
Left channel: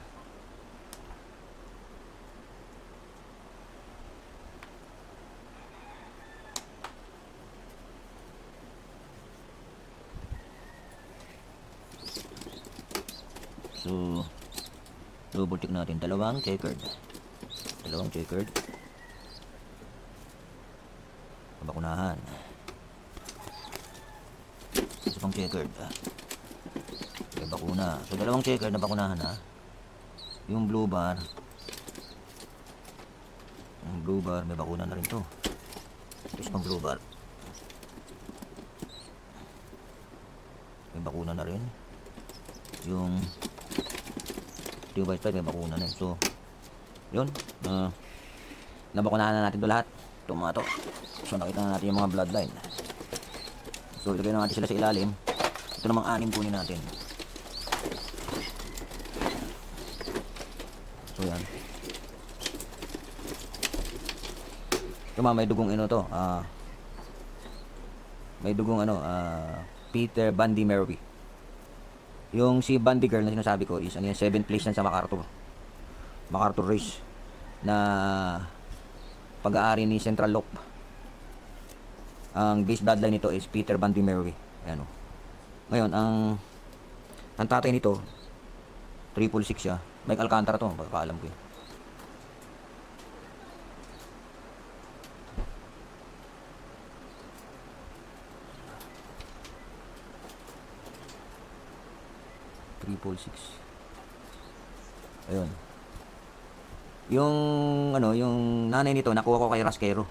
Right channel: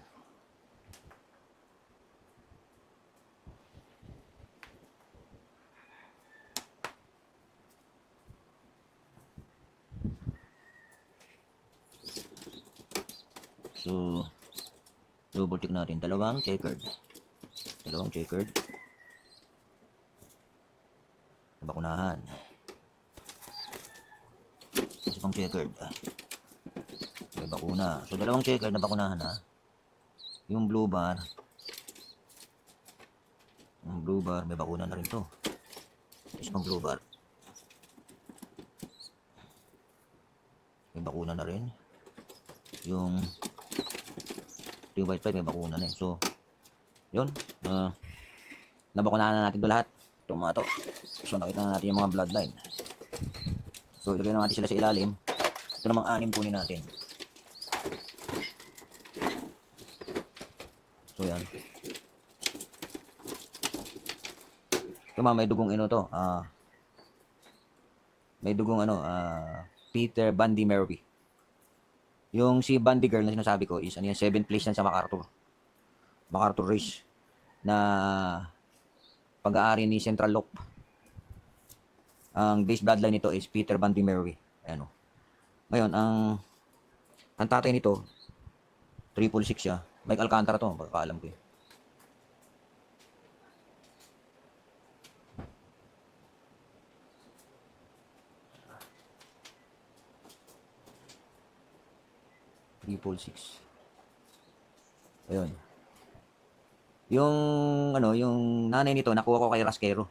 So, double tick natin. Dalawang checkered. Bakunahan. Isa pang checkered. May bakuna. So, dalawang checkered na bakunahan Yung blue bar. May bakuna na rin to. Isa pang blue bar. May bakuna na rin. Yung white light may bakuna na So yun, nabakunahan na natin ito lahat. Tomato. So nakita na natin yung mga bloodline. So ilagay na natin sila sa ilalim. Ito namang 6 kunin natin. So yan. Ito mga may dugong to. May dugong Peter Bundy Merby. Yung si Bundy girl na sinasabi ko is 7th place yan sa MacArthur. MacArthur race na pag-aari ni Central Loop. Ang base bloodline nito is Peter Bundy Merby. Ayan o. Ngayon, ang tatay nito, 666 siya. Mike Alcantara to, pagkakaalam ko yun. Ayun. Yung nanay nito nakuha ko kay Rasquero.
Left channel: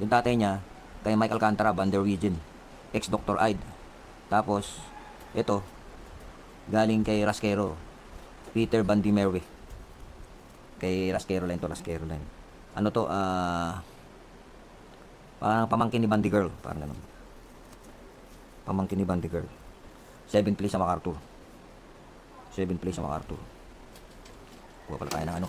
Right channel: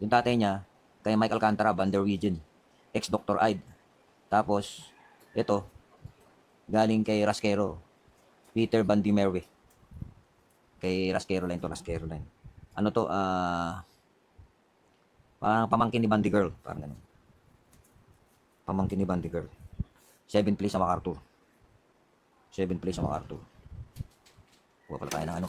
Yung tatay niya kay Mike Alcantara, Van der Wegen, ex Dr. Ide. Tapos ito galing kay Rasquero, Peter Bundy Merwy. Kay Rasquero line to, Rasquero line. Ano to, parang pamangkin ni Bundy girl, parang ganun. Pamangkin ni Bundy girl. 7th place sa MacArthur. 7th place sa MacArthur. Kuha pala tayo ng ano.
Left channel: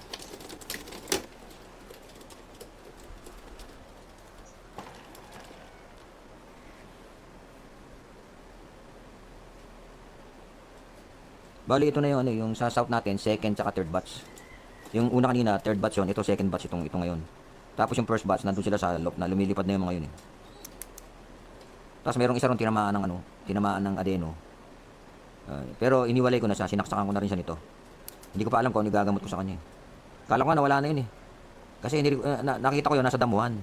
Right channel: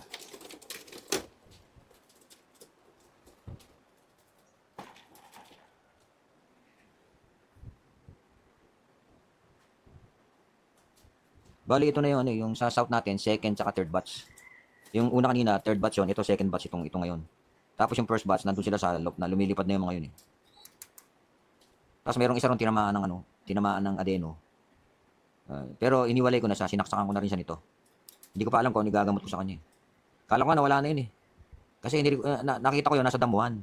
Bali ito na yung sa south natin, second tsaka third batch. Yung una kanina, third batch yon, ito second batch ito ngayon. Tapos yung first batch, nandun sila sa loop na lumilipad na yung mga yun eh. Tapos merong isa ron tinamaan ng adeno. Pero iniwalay ko na siya, sinaksakan ko na rin siya nito. Hindi ko pa alam kung ano gagamot ko sa kanya. Kala ko nawala na yun eh. Kasi nakita ko yun nasa damuhan.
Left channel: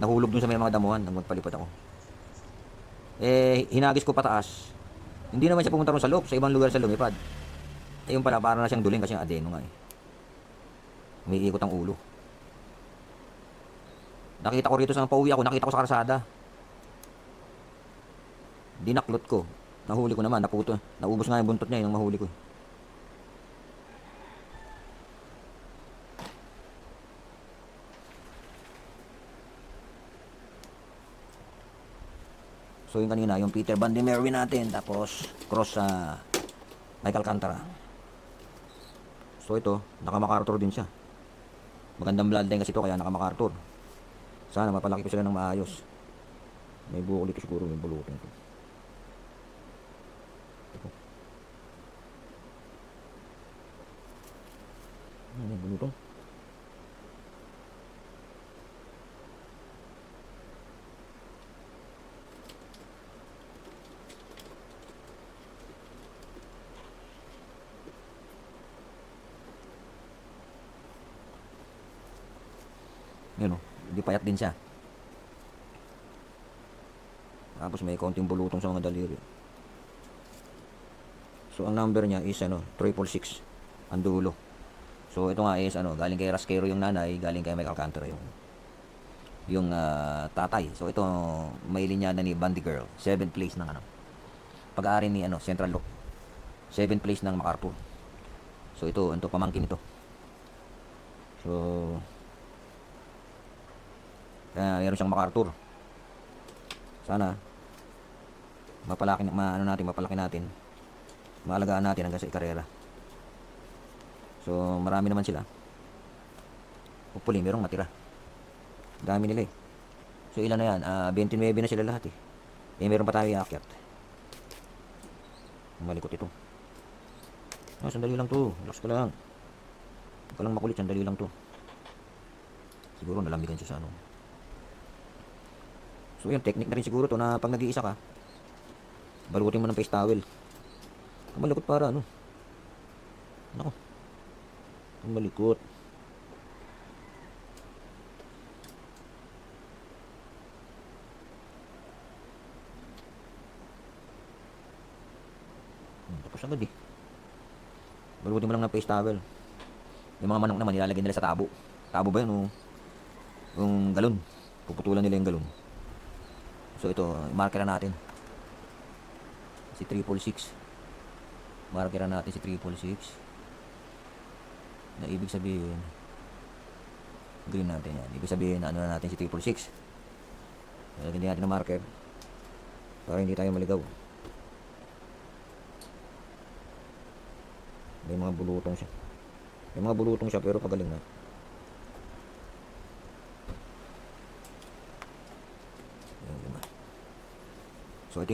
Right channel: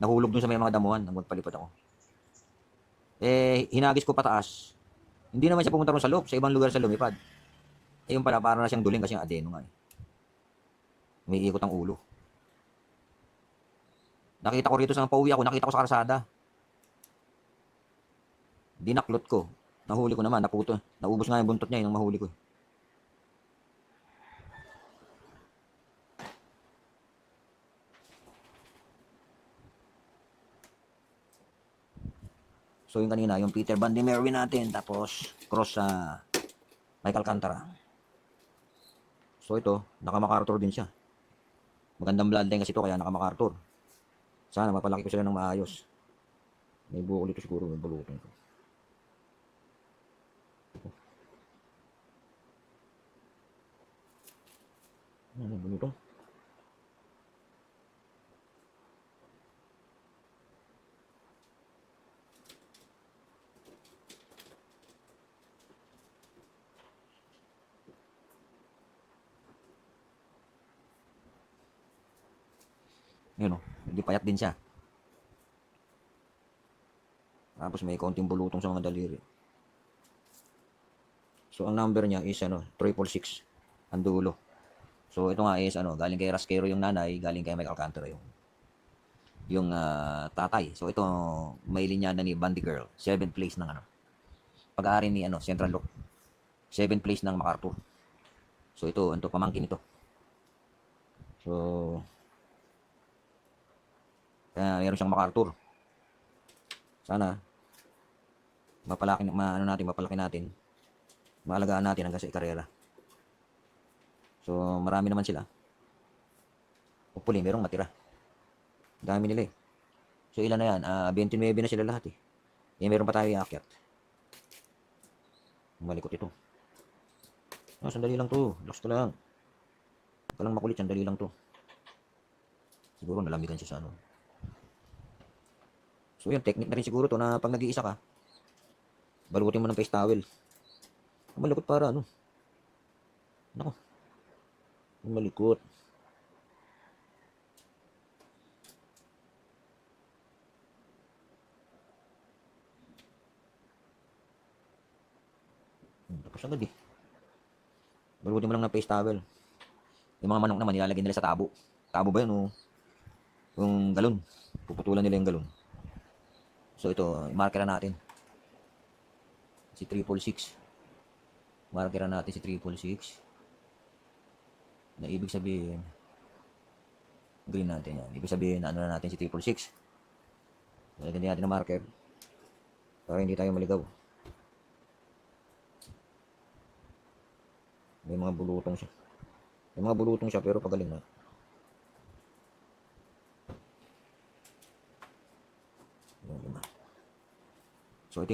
Nahulog dun sa may mga damuhan nang magpalipad ako. Hinagis ko pataas. Hindi naman siya pumunta ron sa loop, sa ibang lugar sa lumipad. Ayun pala, para na siyang duling kasi yung adeno nga eh. Umiikot ang ulo. Nakita ko rito sa pauwi ako, nakita ko sa karsada. Dinaklot ko. Nahuli ko naman, naubos nga yung buntot niya yung mahuli ko. So yung kanina, yung Peter Bundy Merwy natin, tapos cross sa Michael Alcantara. So ito, naka-MacArthur din siya. Magandang bloodline kasi ito, kaya naka-MacArthur. Sana mapalaki ko sila ng maayos. May buko dito siguro, may bulutin ko. May bulutong. Yun o, hindi payat din siya. Tapos may konting bulutong sa mga daliri. So ang number niya is 666 ang dulo. So ito nga is galing kay Rasquero yung nanay, galing kay Mike Alcantara yung tatay. So ito may linyada ni Bundy girl, 7th place ng pag-aari ni Central Loop. 7th place ng MacArthur. So ito pamangkin ito. So meron siyang MacArthur. Sana mapalaki natin. Maalagaan natin hanggang sa ikarera. So marami naman sila. Hopefully merong matira. Dami nila eh. So ilan na yan? 29 na sila lahat eh. Meron pa tayo iakyat. Malikot ito. Sandali lang to. Relax ka lang. Huwag ka lang makulit. Sandali lang to. Siguro nalamigan siya sa So yun, technique na rin siguro to na pag nag-iisa ka, balutin mo ng face towel. Malikot para Nako. Malikot. Tapos agad eh. Balutin mo lang ng face towel. Yung mga manok naman nilalagay nila sa tabo. Tabo ba yun o? Yung galon. Puputulan nila yung galon. So ito, markeran natin. Si 666. Markeran natin si 666. Na ibig sabihin, green natin yan. Ibig sabihin na natin si 666. Lalagyan natin ng marker para hindi tayo maligaw. May mga bulutong siya. May mga bulutong siya pero pagaling na. So ito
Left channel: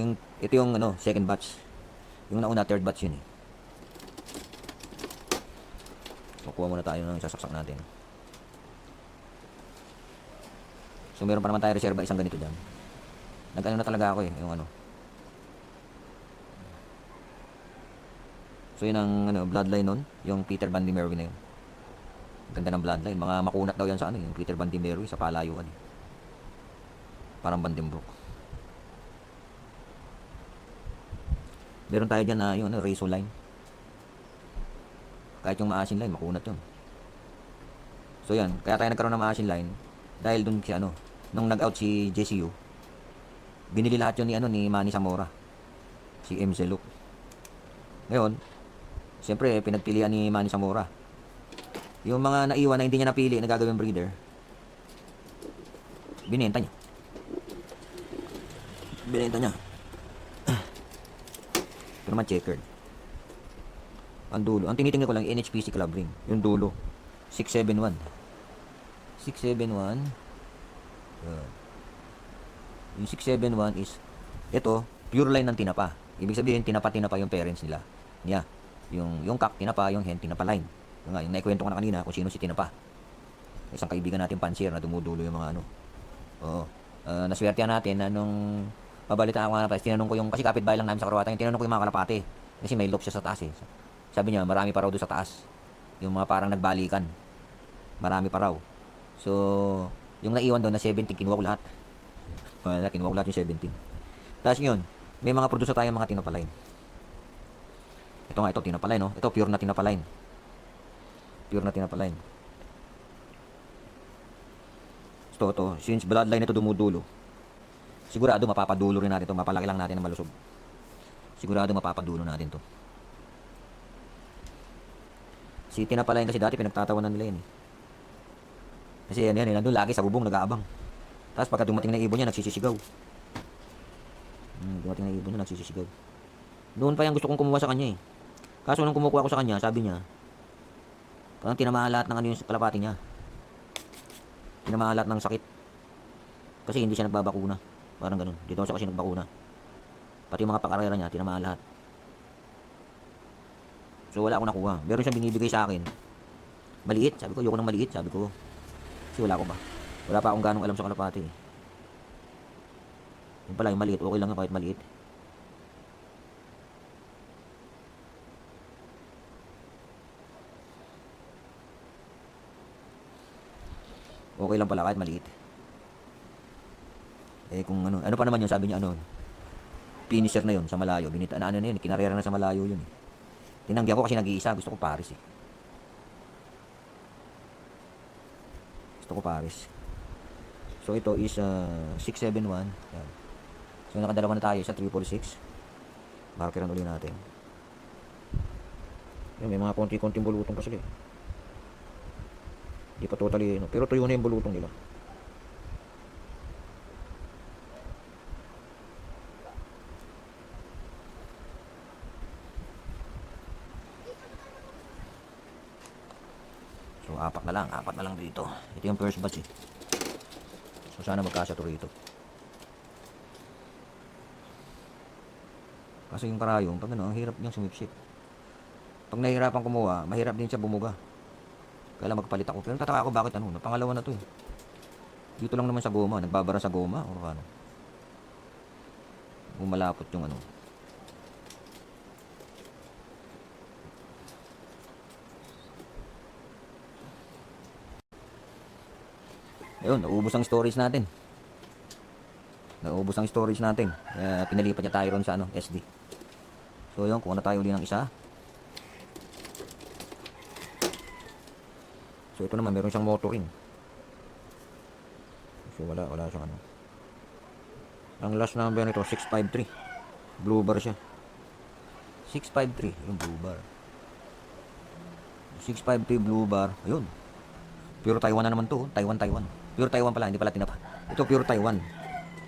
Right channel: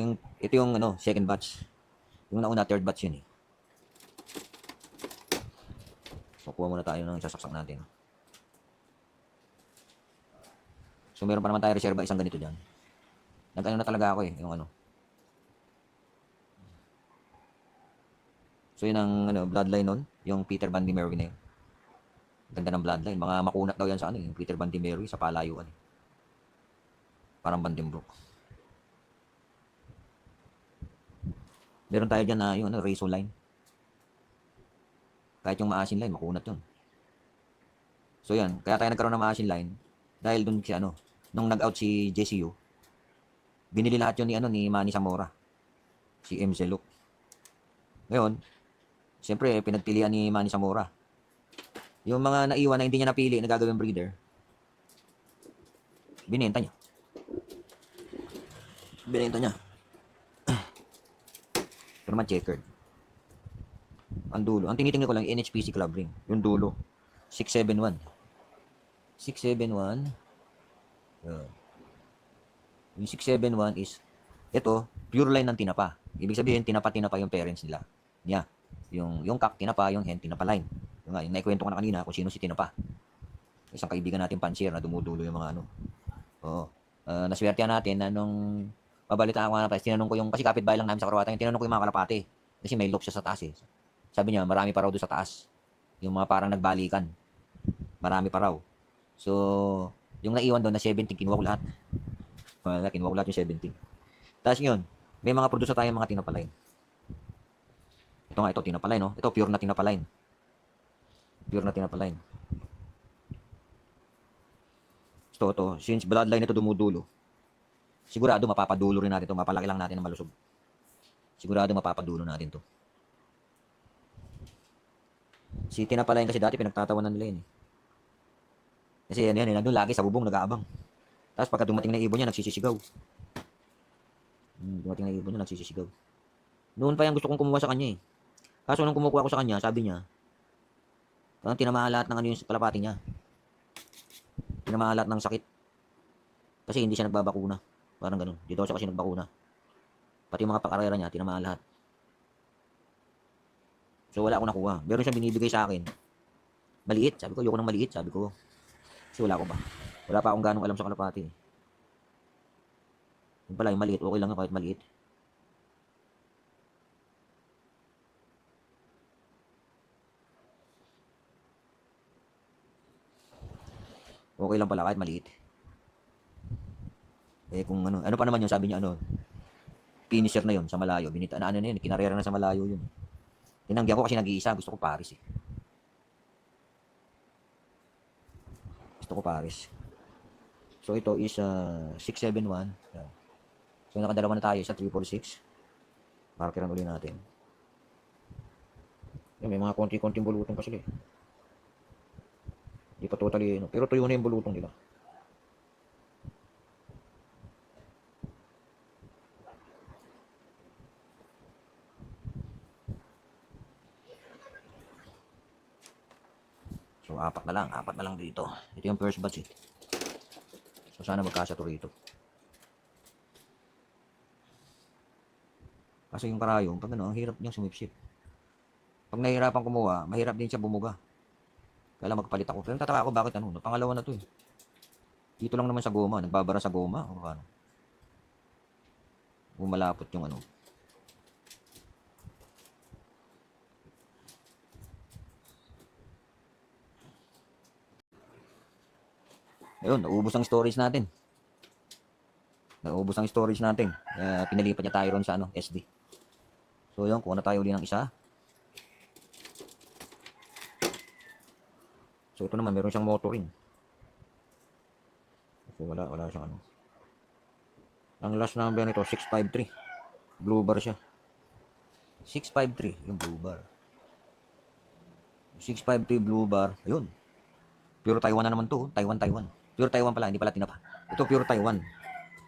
yung ano, second batch. Yung nauna, third batch yun eh. So kuha muna tayo ng sasaksak natin. So meron pa naman tayo reserva isang ganito dyan. Nag-ano na talaga ako eh, yung ano. So yun ang ano, bloodline nun, yung Peter Van Meroy na yun. Ganda ng bloodline, mga makunat daw yan sa ano, yung Peter Van Meroy sa palayuan eh. Parang Vandenbroek. Meron tayo dyan na yung ano, razor line. Kahit yung maasin line, makunat yun. So yan, kaya tayo nagkaroon ng maasin line dahil dun si ano, nung nag-out si JCU, binili lahat yun ni ano, ni Manny Zamora, si MC Luke. Ngayon, siyempre pinagpilian ni Manny Zamora yung mga naiwan na hindi niya napili na gagawing breeder, binenta niya pero man checkered ang dulo. Ang tinitingnan ko lang NHPC club ring, yung dulo 671 yung 671 is ito, pure line ng tinapa. Ibig sabihin tinapa yung parents nila niya. Yung kak tinapa, yung hen tinapa line. Yung naikwento ko na kanina kung sino si tinapa. Isang kaibigan natin pansir na dumudulo yung mga ano. Oo. Naswertehan natin na nung pabalitaan ko nga na tinanong ko yung, kasi kapitbahay lang namin sa Karawatan, yung tinanong ko yung mga kalapate. Kasi may look siya sa taas eh. Sabi niya, marami pa raw doon sa taas. Yung mga parang nagbalikan. Marami pa raw. So, yung naiwan doon na 17, kinuha ko lahat. Kinuha ko lahat yung 17. Tapos yun, may mga producer tayo mga tinapalain. Ito nga, ito tinapalain, no? Ito pure na tinapalain. Pure na tinapalain. Ito, since bloodline ito dumudulo, sigurado mapapadulo rin natin ito. Mapalaki lang natin ng malusog. Sigurado mapapadulo natin to. Si tinapalain kasi dati pinagtatawanan nila yun eh. Kasi yan, nandun lagi sa bubong nag-aabang. Tapos pagka dumating na ibon niya, nagsisisigaw. Dumating na ibon niya, nagsisisigaw. Noon pa yung gusto kong kumuha sa kanya eh. Kaso nung kumukuha ko sa kanya, sabi niya, parang tinamaan lahat ng ano yung kalapati niya. Tinamaan lahat ng sakit. Kasi hindi siya nagbabakuna. Parang ganun. Dito siya kasi nagbakuna. Pati yung mga pakarera niya, tinamaan lahat. So wala akong nakuha. Meron siyang binibigay sa akin. Maliit. Sabi ko, ayoko ng maliit. Sabi ko. Kasi wala ko pa. Wala pa akong ganong alam sa kalapati. Yung pala, yung maliit. Okay lang yung kahit maliit. Okay lang pala kahit maliit. Eh kung ano pa naman yung sabi niya ano, finisher na yun sa malayo. Binita na ano na yun, kinarera na sa malayo yun. Tinanggi ako kasi nag-iisa, gusto ko Paris eh. Gusto ko Paris. So ito is 671. Yan. So nakadalawa na tayo sa 346. Markeran ulit natin. Yan, may mga konti-konting bulutong pa sila eh. Hindi pa totally, no? Pero tuyo na yung bulutong nila. So apat na lang dito. Ito yung first batch eh. So sana magkasya to rito. Kasi yung karayong, pag ano, ang hirap niyang sumipsip. Pag nahihirapan kumuha, mahirap din siya bumuga. Kaya lang magpalit ako. Pero tataka ako bakit ano, pangalawa na to eh. Dito lang naman sa goma, nagbabara sa goma o ano. Bumalapot yung ano. Ayun, naubos ang storage natin. Pinalipat niya tayo ron sa ano, SD. So yun, kuha na tayo ulit ng isa. So ito naman, meron siyang motoring. So wala siyang ano. Ang last number nito, 653. Blue bar siya. 653, yung blue bar. 653 blue bar. Ayun. Pure Taiwan na naman to. Taiwan. Pure Taiwan pala, hindi pala tinapa. Ito pure Taiwan.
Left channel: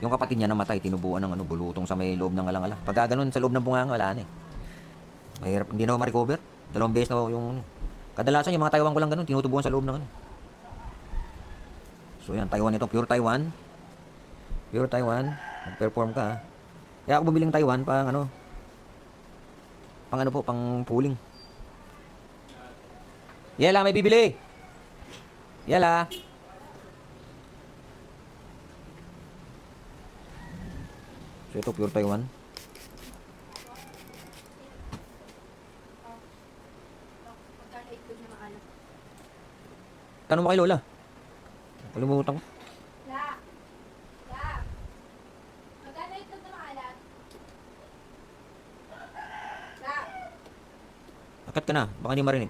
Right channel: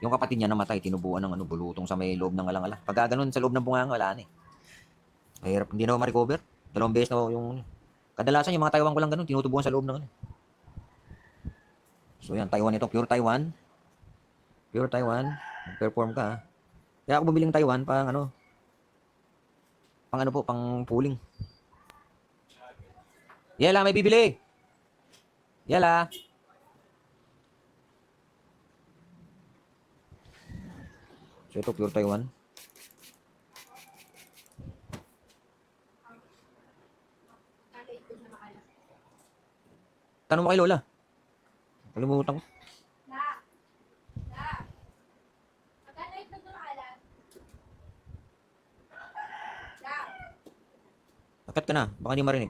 Yung kapatid niya namatay, tinubuan ng ano, bulutong sa may loob ng alang-ala. Pagka ganun sa loob ng bunganga, wala na eh. Mahirap, hindi na ma-recover. 2 beses na yung kadalasan yung mga Taiwan ko lang ganun, tinutubuan sa loob ng ano. So yan, Taiwan ito, pure Taiwan. Pure Taiwan. Mag-perform ka. Kaya ako bumili ng Taiwan pang ano po, pang pooling. Yela, may bibili! Yela! So ito, pure Taiwan. Tanong mo kay Lola. Kalimutan ko. Akat ka na, baka hindi marinig.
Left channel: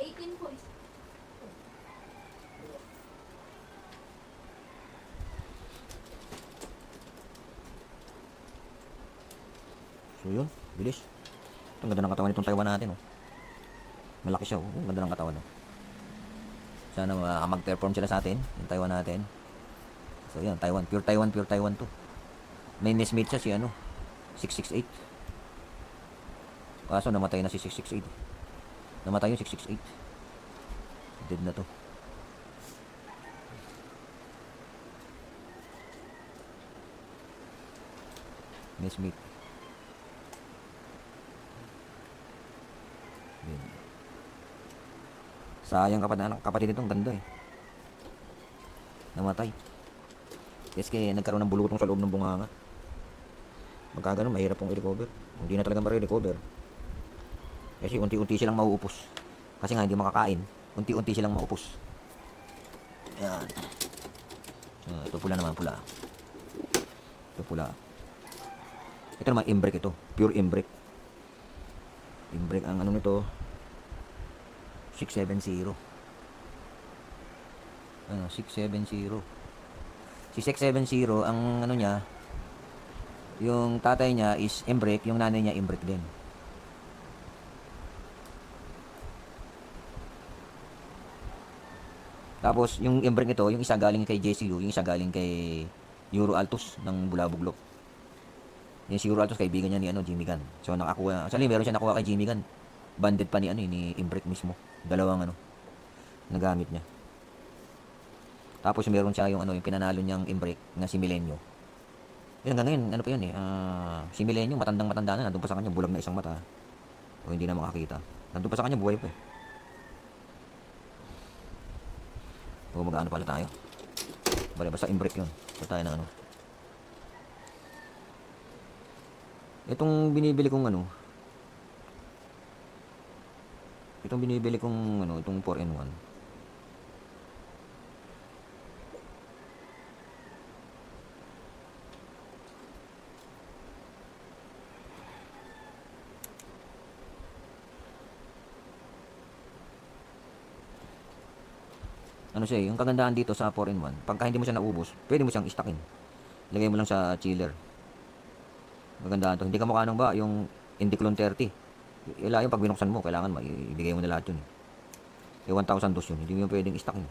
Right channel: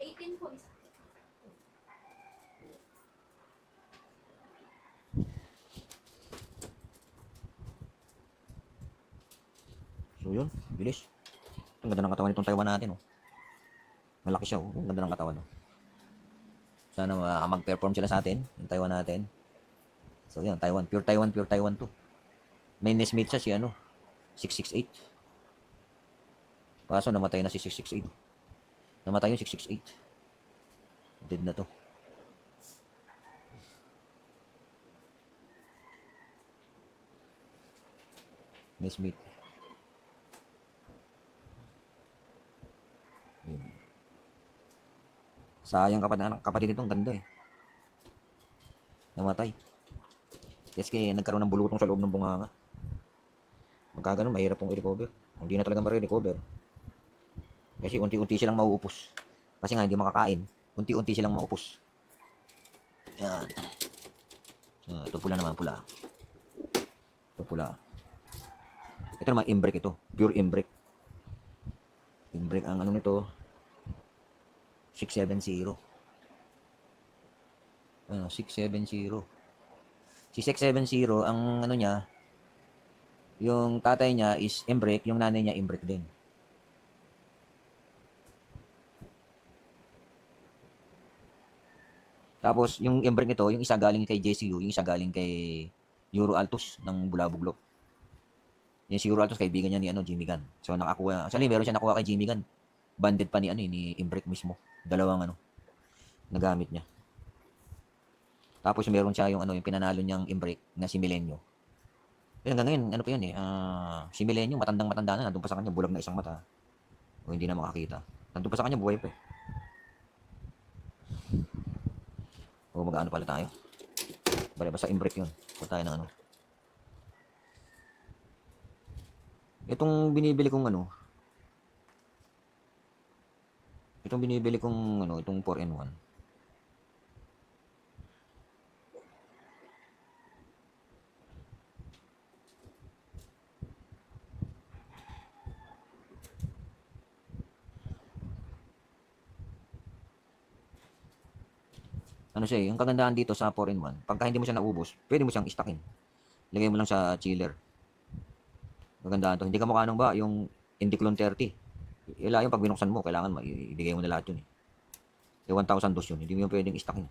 18 po. So yun, bilis. Ito, ang ganda ng katawan itong Taiwan natin. Oh. Malaki siya. Oh. Ang ganda ng katawan. Oh. Sana mag-perform sila sa atin. Yung Taiwan natin. So yun, Taiwan. Pure Taiwan, pure Taiwan to. May nestmate siya si 668. Kaso namatay na si 668. Namatay yung 668. Dead na to. Nestmate. Sayang kapatid itong ganda eh. Namatay. Kasi nagkaroon ng bulutong sa loob ng bunganga. Magkaganon, mahirap pong i-recover. Hindi na talaga ma-recover. Kasi unti-unti silang mauupos. Kasi nga hindi makakain. Unti-unti silang maupos. Yan. Ito pula naman, pula. Ito pula. Ito naman, imbrek ito. Pure imbrek. Imbrek ang ano nito. 670. 670. Si 670, ang ano niya, yung tatay niya is imbrek, yung nanay niya imbrek din. Tapos, yung imbrek nito, yung isa galing kay JCU, yung isa galing kay Euro Altos ng Bulabuglok. Yung si Euro Altos, kaibigan niya ni Jimmy Gunn. So, nakakuha, actually, meron siya nakuha kay Jimmy Gunn. Banded pa ni imbrek mismo. Dalawang nagamit niya. Tapos meron siya yung yung pinanalo niyang imbrek na si Milenio. Yun, hanggang ngayon, ano pa yun si Milenio, matandang-matanda na, nandun pa sa kanya, bulag na isang mata. O hindi na makakita. Nandun pa sa kanya, buhay pa eh. O mag-ano pala tayo. Basta imbrek yun. So tayo ng Itong binibili kong itong 4-in-1. Yung kagandahan dito sa 4-in-1, pagka hindi mo siya naubos, pwede mo siyang istockin. Lagay mo lang sa chiller. Maganda to. Hindi ka mukha ba yung Indiclone 30. Ila yung pag binuksan mo, kailangan ibigay mo na lahat yun. 1,000 dos yun. Hindi mo pwedeng istockin.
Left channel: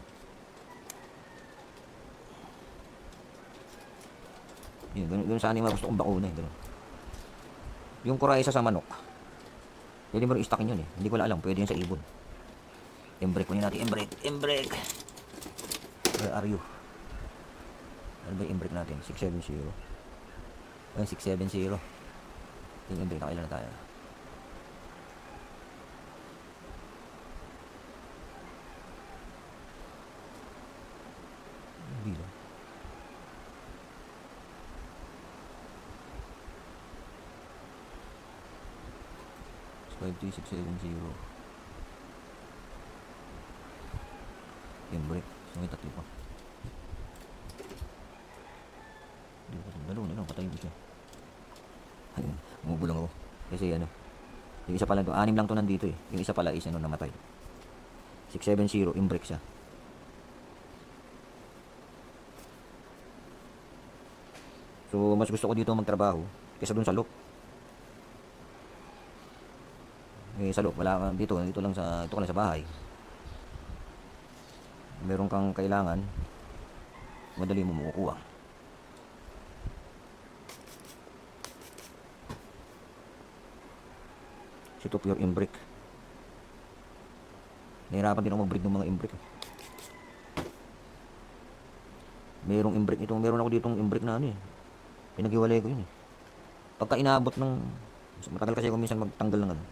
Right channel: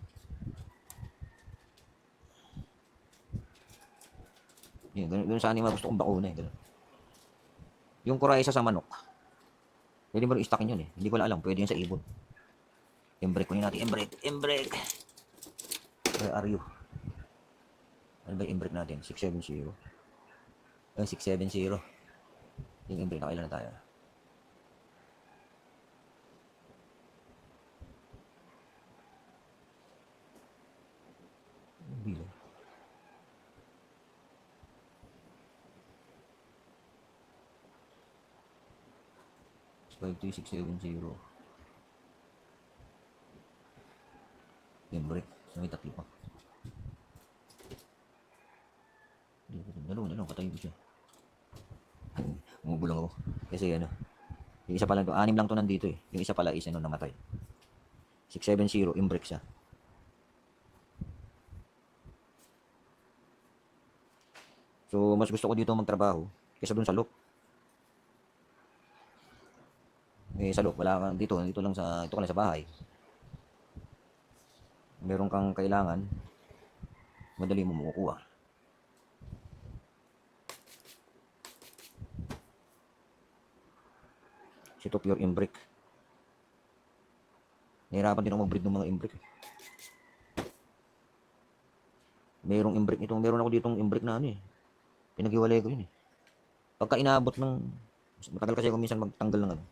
Ganun sana yung mga gusto kong bakuna eh. Ganun. Yung kuraysa sa manok, pwede mo rin istockin yun eh. Hindi ko lang alam, pwede yun sa ibon. Embrake mo yun natin. Embrake. Where are you? Ano ba yung embrake natin? 670. 670. Yung embrake, nakailan na tayo? Bilo. So, 53670. Embrake. So, may tatlo pa. Laro, patayin ko siya. Umubulang ako. Kasi yung isa pala to, 6 lang to nandito eh. Yung isa pala is namatay. 670, imbrake siya. So, mas gusto ko dito magtrabaho kaysa dun sa loop. Sa loop, wala kang dito ka lang sa bahay. Meron kang kailangan, madali mo makukuha. Ito pure imbrake. Nahirapan din ako mag-breed ng mga imbrake. Merong imbrick ito. Meron ako ditong imbrick na ano eh. Pinaghiwalay ko yun eh. Pagka inaabot ng, matagal kasi ako minsan magtanggal ng ano.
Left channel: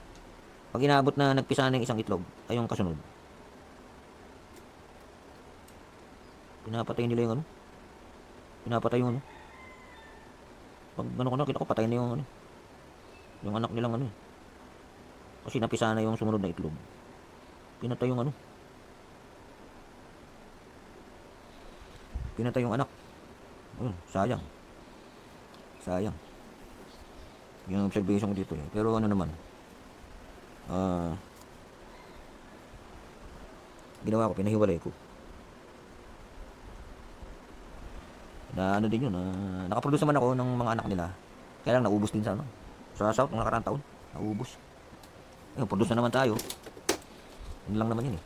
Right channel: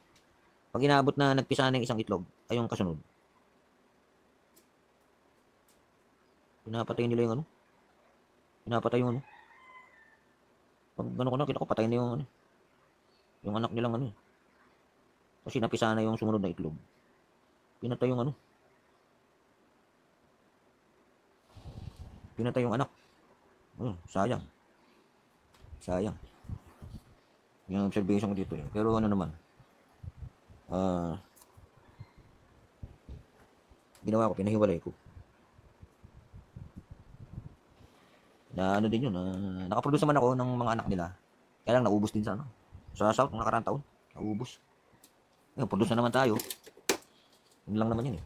Pag inaabot na nagpisa na yung isang itlog, ay yung kasunod. Pinapatay nila yung ano. Pinapatay yung ano. Pag ano ko na, kita ko patay na yung ano. Yung anak nilang ano eh. Kasi napisa na yung sumunod na itlog. Pinatay yung ano. Pinatay yung anak. Sayang. Sayang. Yung observation ko dito eh. Pero ano naman. Ginawa ko, pinahiwalay ko. Na ano din yun. Nakaproduce naman ako ng mga anak nila. Kaya lang naubos din sa ano. Sa South, ng nakarang taon. Naubos. Produce na naman tayo. Yun lang naman yun eh.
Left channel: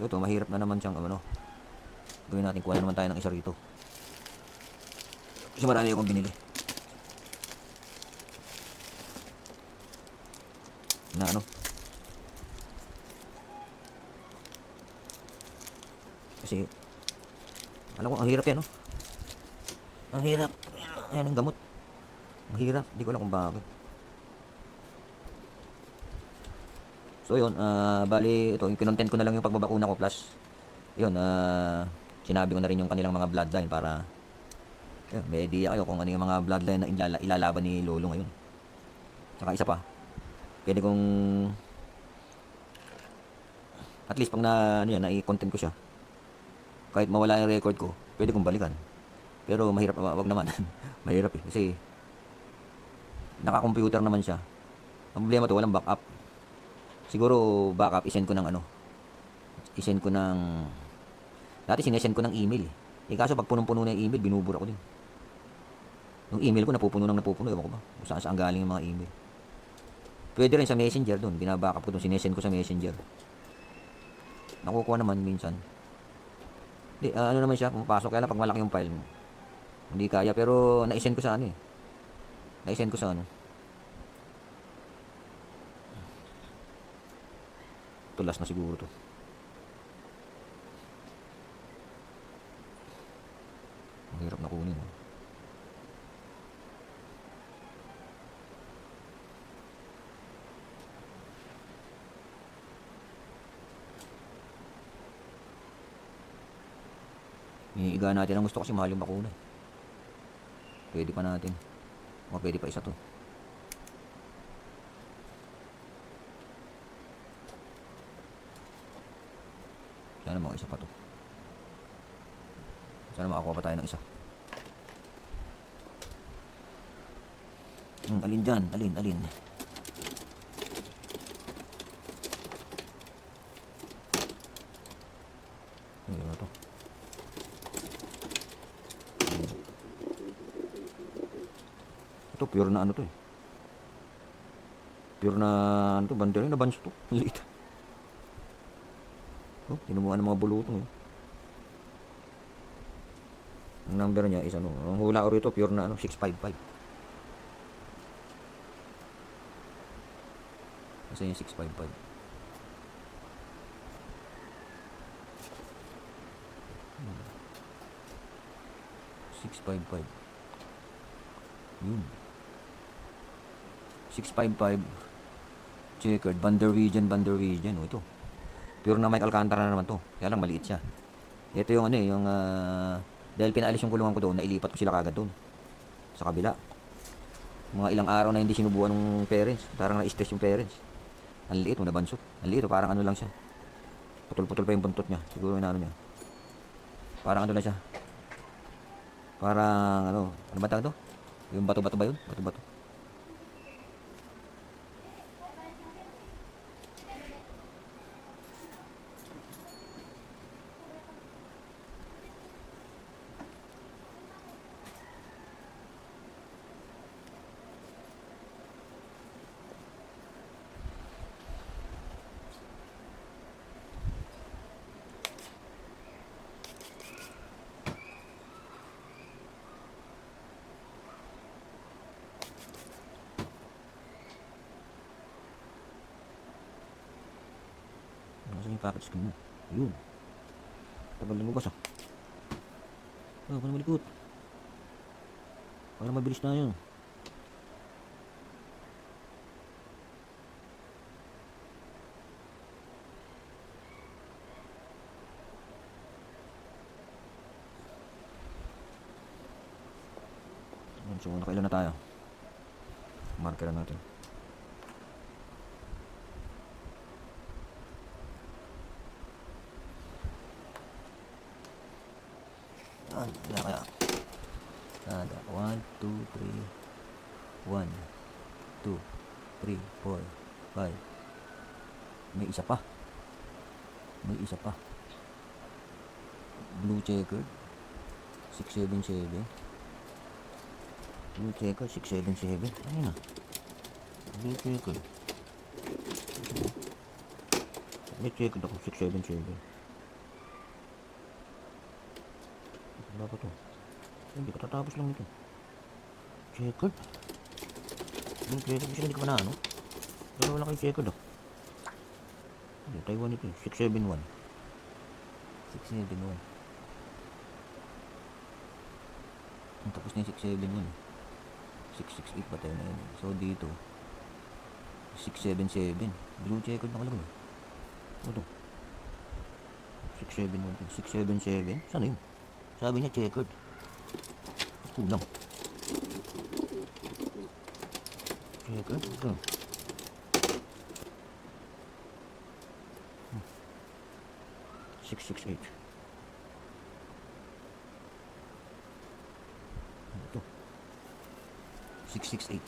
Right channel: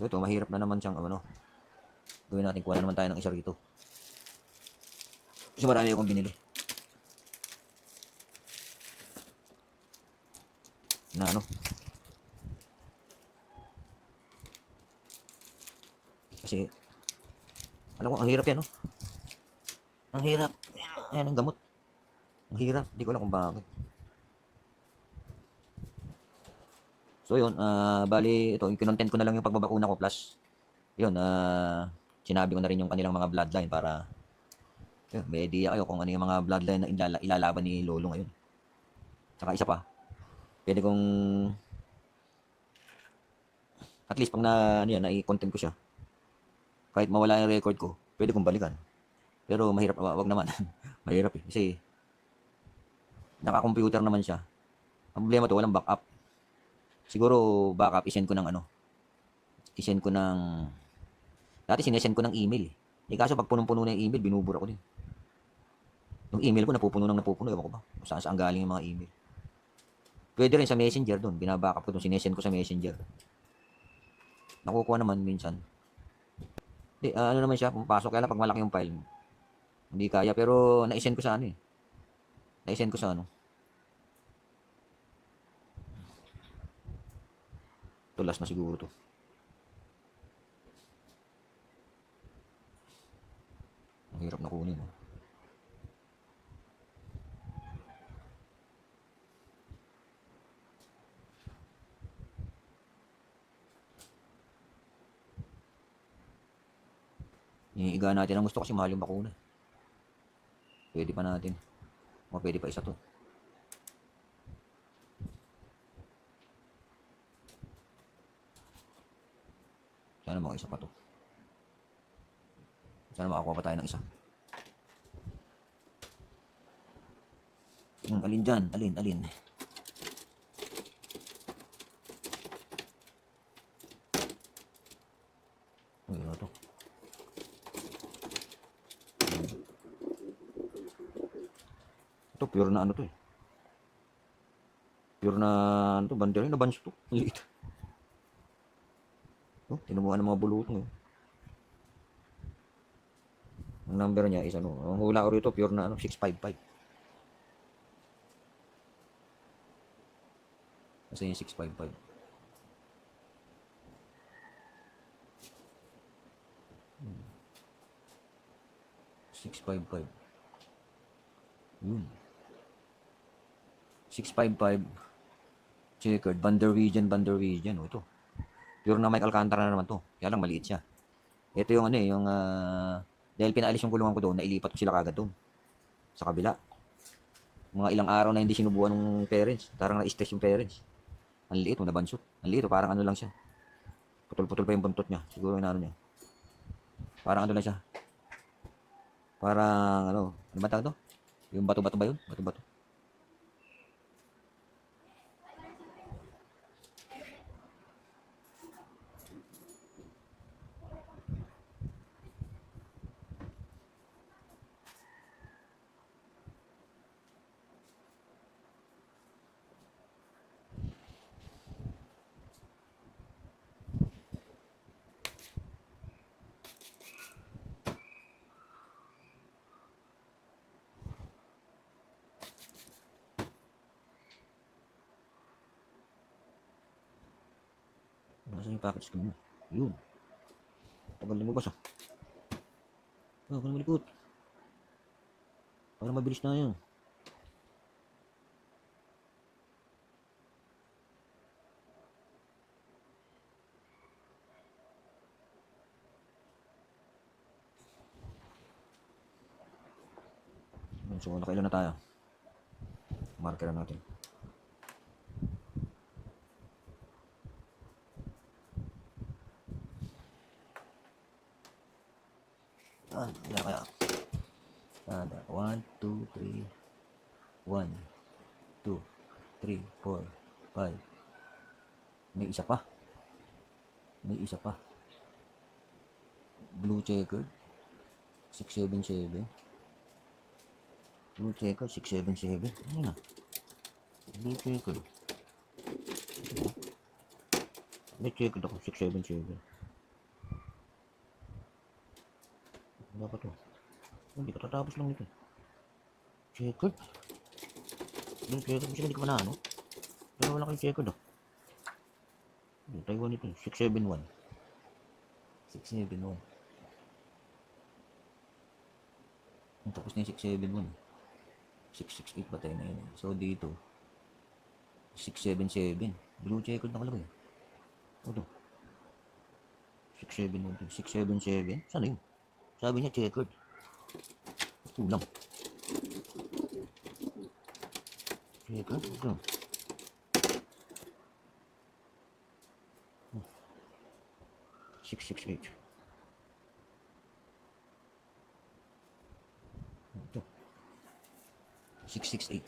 So ito, mahirap na naman siyang ano. Gawin natin, kuha na naman tayo ng isa rito. Kasi marami akong binili. Na ano. Kasi, alam ko, ang hirap yan, no? Ang hirap. Ayan, ang gamot. Ang hirap. Hindi ko alam kung bakit. So yun, bali, ito, yung kinontent ko na lang yung pagbabakuna ko plus, yun, sinabi ko na rin yung kanilang mga bloodline para may idea kayo kung ano yung mga bloodline na ilalaban ni Lolo ngayon. Saka isa pa, pwede kong at least pag na ano yan, na-content ko siya, kahit mawala yung record ko, pwede kong balikan. Pero mahirap, wag naman. Mahirap eh, kasi naka-computer naman siya. Ang problema to, walang backup. Siguro backup, isend ko ng ano, isend ko ng, dati sinesend ko ng email eh. Kaso pag punong-puno na yung email, binubura ko din. Yung email ko napupuno ewan ko ba kung saan galing yung mga email. Pwede rin sa messenger doon, binabackup ko doon, sinesend ko sa messenger. Nakukuha naman minsan. Di, ano naman siya, kung pasok, kaya lang pag malaki yung file, hindi kaya, pero na-send ko sa ano eh. Na-send ko sa ano. Tulas na siguro to. Ang hirap na kunin. Oh. Iiga natin ang gusto kasi mahal yung bakuna. Pwede pa natin. O pwede pa isa to. Sana mga isa pa to. Sana makakuha pa tayo ng isa. Alin dyan? Alin? Ayun na to. Ito pure na ano to eh. Pure na ano to, banderin na banso to. Liit. Oh, tinubuan ng mga bulutong eh. Ang number niya is ano, ang hula ko rito pure na ano, 655. Kasi 655. Hmm. 655. Yun. 655 checkered Bander region. Oh, ito. Pure na Mike Alcantara na naman to. Kaya lang maliit siya. Ito yung ano eh, yung dahil pinaalis yung kulungan ko doon, nailipat ko sila kagad doon. Sa kabila. Mga ilang araw na hindi sinubuan ng parents. Parang na-stress yung parents. Ang liit, nabansot. Ang liit, parang ano lang siya. Putol-putol pa yung buntot niya. Siguro yung ano niya. Parang ano lang siya. Parang ano ba tawag to? Yung bato-bato ba yun? Bato-bato. Nasaan yung package ko mo? Yun. Tagal lumabas ah. Oh, kung malikot. Para mabilis tayo. So, nakailan na tayo? Marker na natin. Kaya. Kada. 1, 2, 3. 1, 2, 3, 4, 5. May isa pa. May isa pa. Blue checker. 677. Blue checker. 677. Ano na? Blue checker. Blue checker ako. 677. Wala pa to. Hindi ko tatapos lang ito. Checker. Blue checker. Kasi hindi ko pa na ano. Pero wala kayong checker do. Taiwan ito. 671. 671. Ang tapos na yung 671. 668 pa tayo na yun. So dito 677. Blue checker nakalagay. Ito 671. 677. Sana yun? Sabi niya checkered. Kulang. Checkered. Ito 668. Ito 668.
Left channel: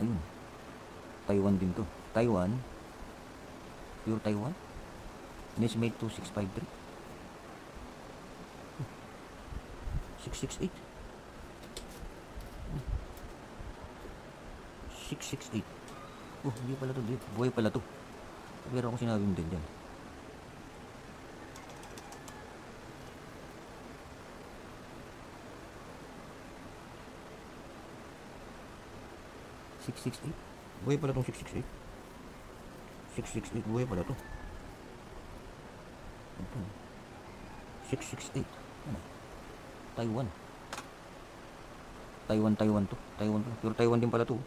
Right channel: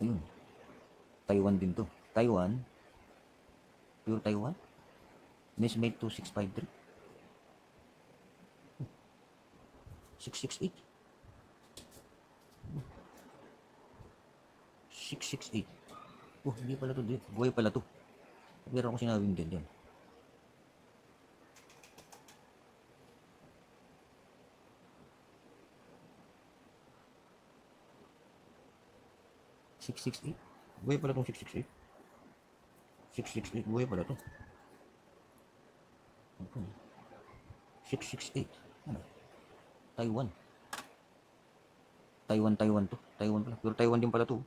Ayun. Taiwan din to. Taiwan. Pure Taiwan. Nesmate 2653. 668. 668. Oh, hindi pala to. Buhay pala to. Pero akong sinabi mo din yan. $668. Buhay pala itong 668. 668. Buhay pala ito. 668. Ano? Taiwan. Taiwan to. Taiwan pala. Pero Taiwan din pala to.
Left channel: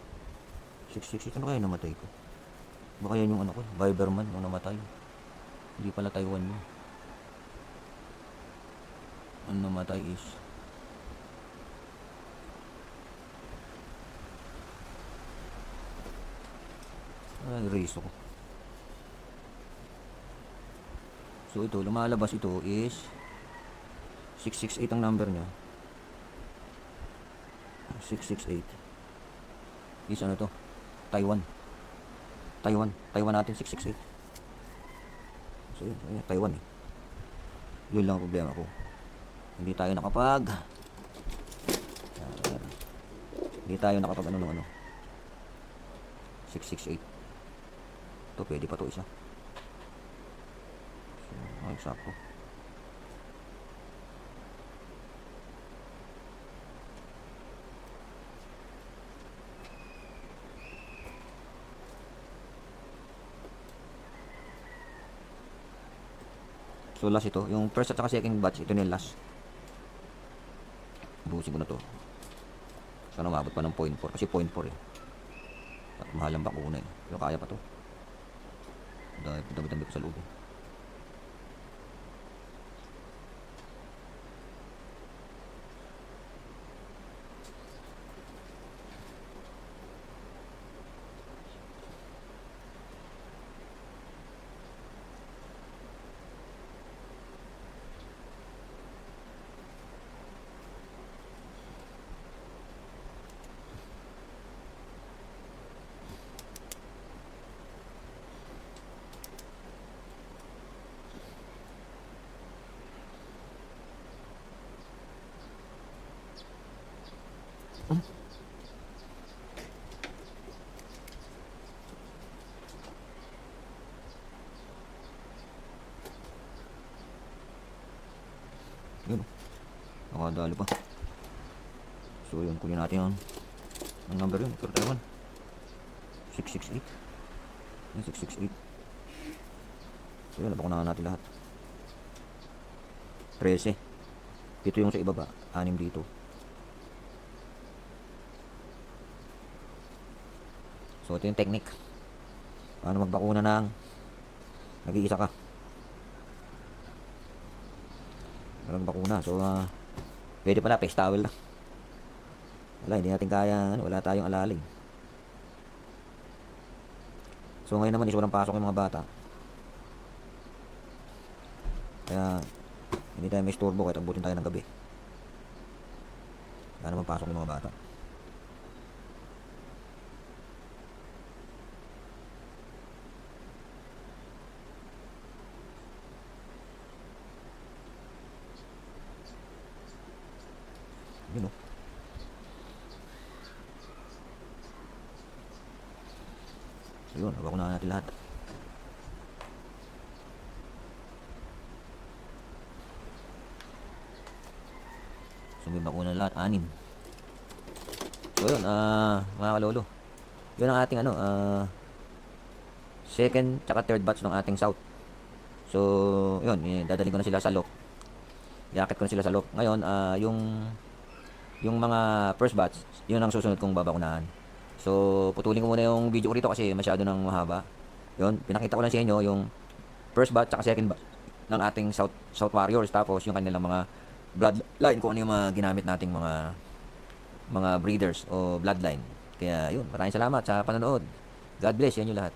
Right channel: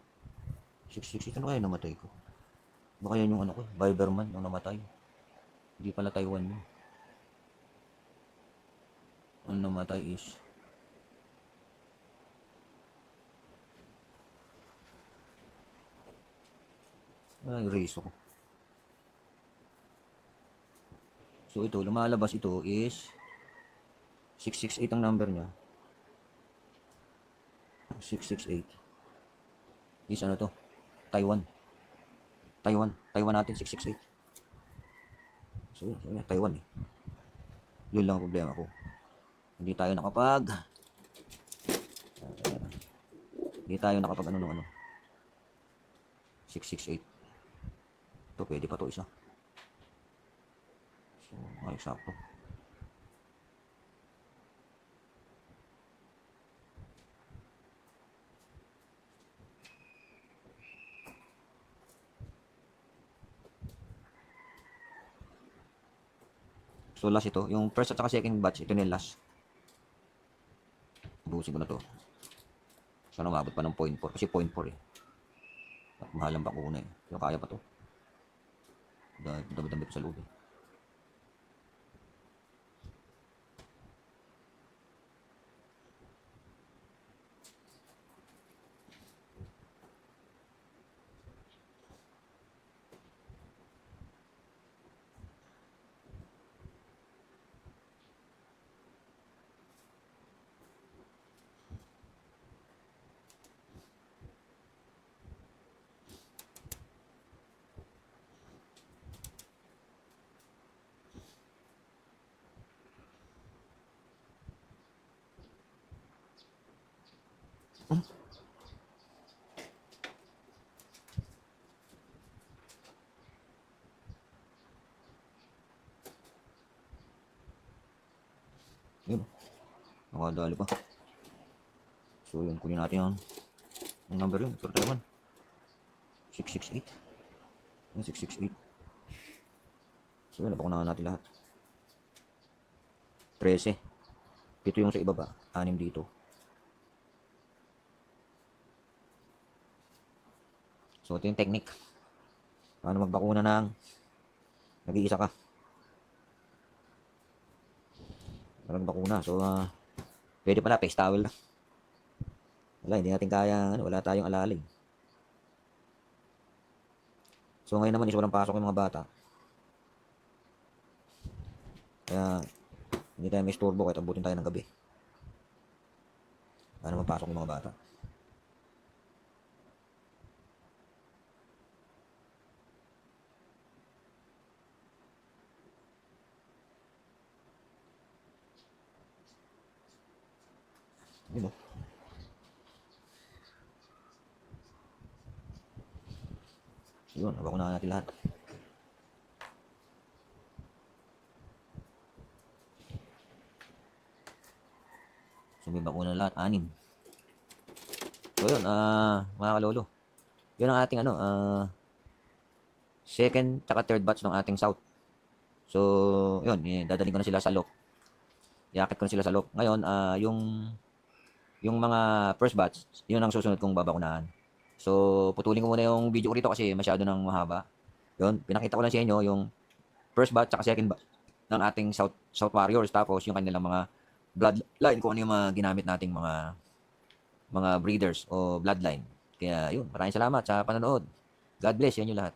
668. Ano kaya namatay ko? Baka yan yung ano ko. Viberman nung namatay. Hindi pala Taiwan yun. Ang namatay is erase ko. So ito, lumalabas ito is 668 ang number niya. 668 is ano to? Taiwan natin 668. So yun, Taiwan eh. Yun lang ang problema ko. Hindi tayo nakapag ano nung ano 668. Ito pwede pa to isa. So, ay sakto. So last ito, yung first at saka second batch, ito na yung last. Buhusin ko na to. Sana mabot pa ng 0.4 kasi 0.4 eh. At mahal ang bakuna eh. Pero kaya pa to. Dami ko sa loob eh. Yun. Nakadali pa. So yun, kunin natin ang number yun. Pero tayo 668. Yan, 668. So yun, napakunahan natin lahat. 13. Ito yung sa ibaba, 6 dito. So ito yung technique. Paano magbakuna ng nag-iisa ka. Nagbakuna. So pwede pala face towel lang. Wala, hindi natin kaya, wala tayong alalig. So ngayon naman, sobrang pasok yung mga bata. Kaya hindi tayo may istorbo kahit abutin tayo ng gabi. Kaya naman pasok yung mga bata. Yun o. So yun, nabakunahan natin lahat. So may bakuna lahat, 6. So yun, mga kalolo. Yun ang ating second tsaka third batch ng ating south. So yun, dadali ko na sila sa lock. Iakit ko na sila sa lock. Ngayon, yung mga first batch, yun ang susunod kong babakunahan. So putulin ko muna yung video ko rito kasi masyado nang mahaba. Yun, pinakita ko lang sa inyo yung first batch tsaka second batch ng ating South Warriors, tapos yung kanilang mga bloodline, kung ano yung mga ginamit nating mga breeders o bloodline. Kaya yun, maraming salamat sa panonood. God bless yan yung lahat.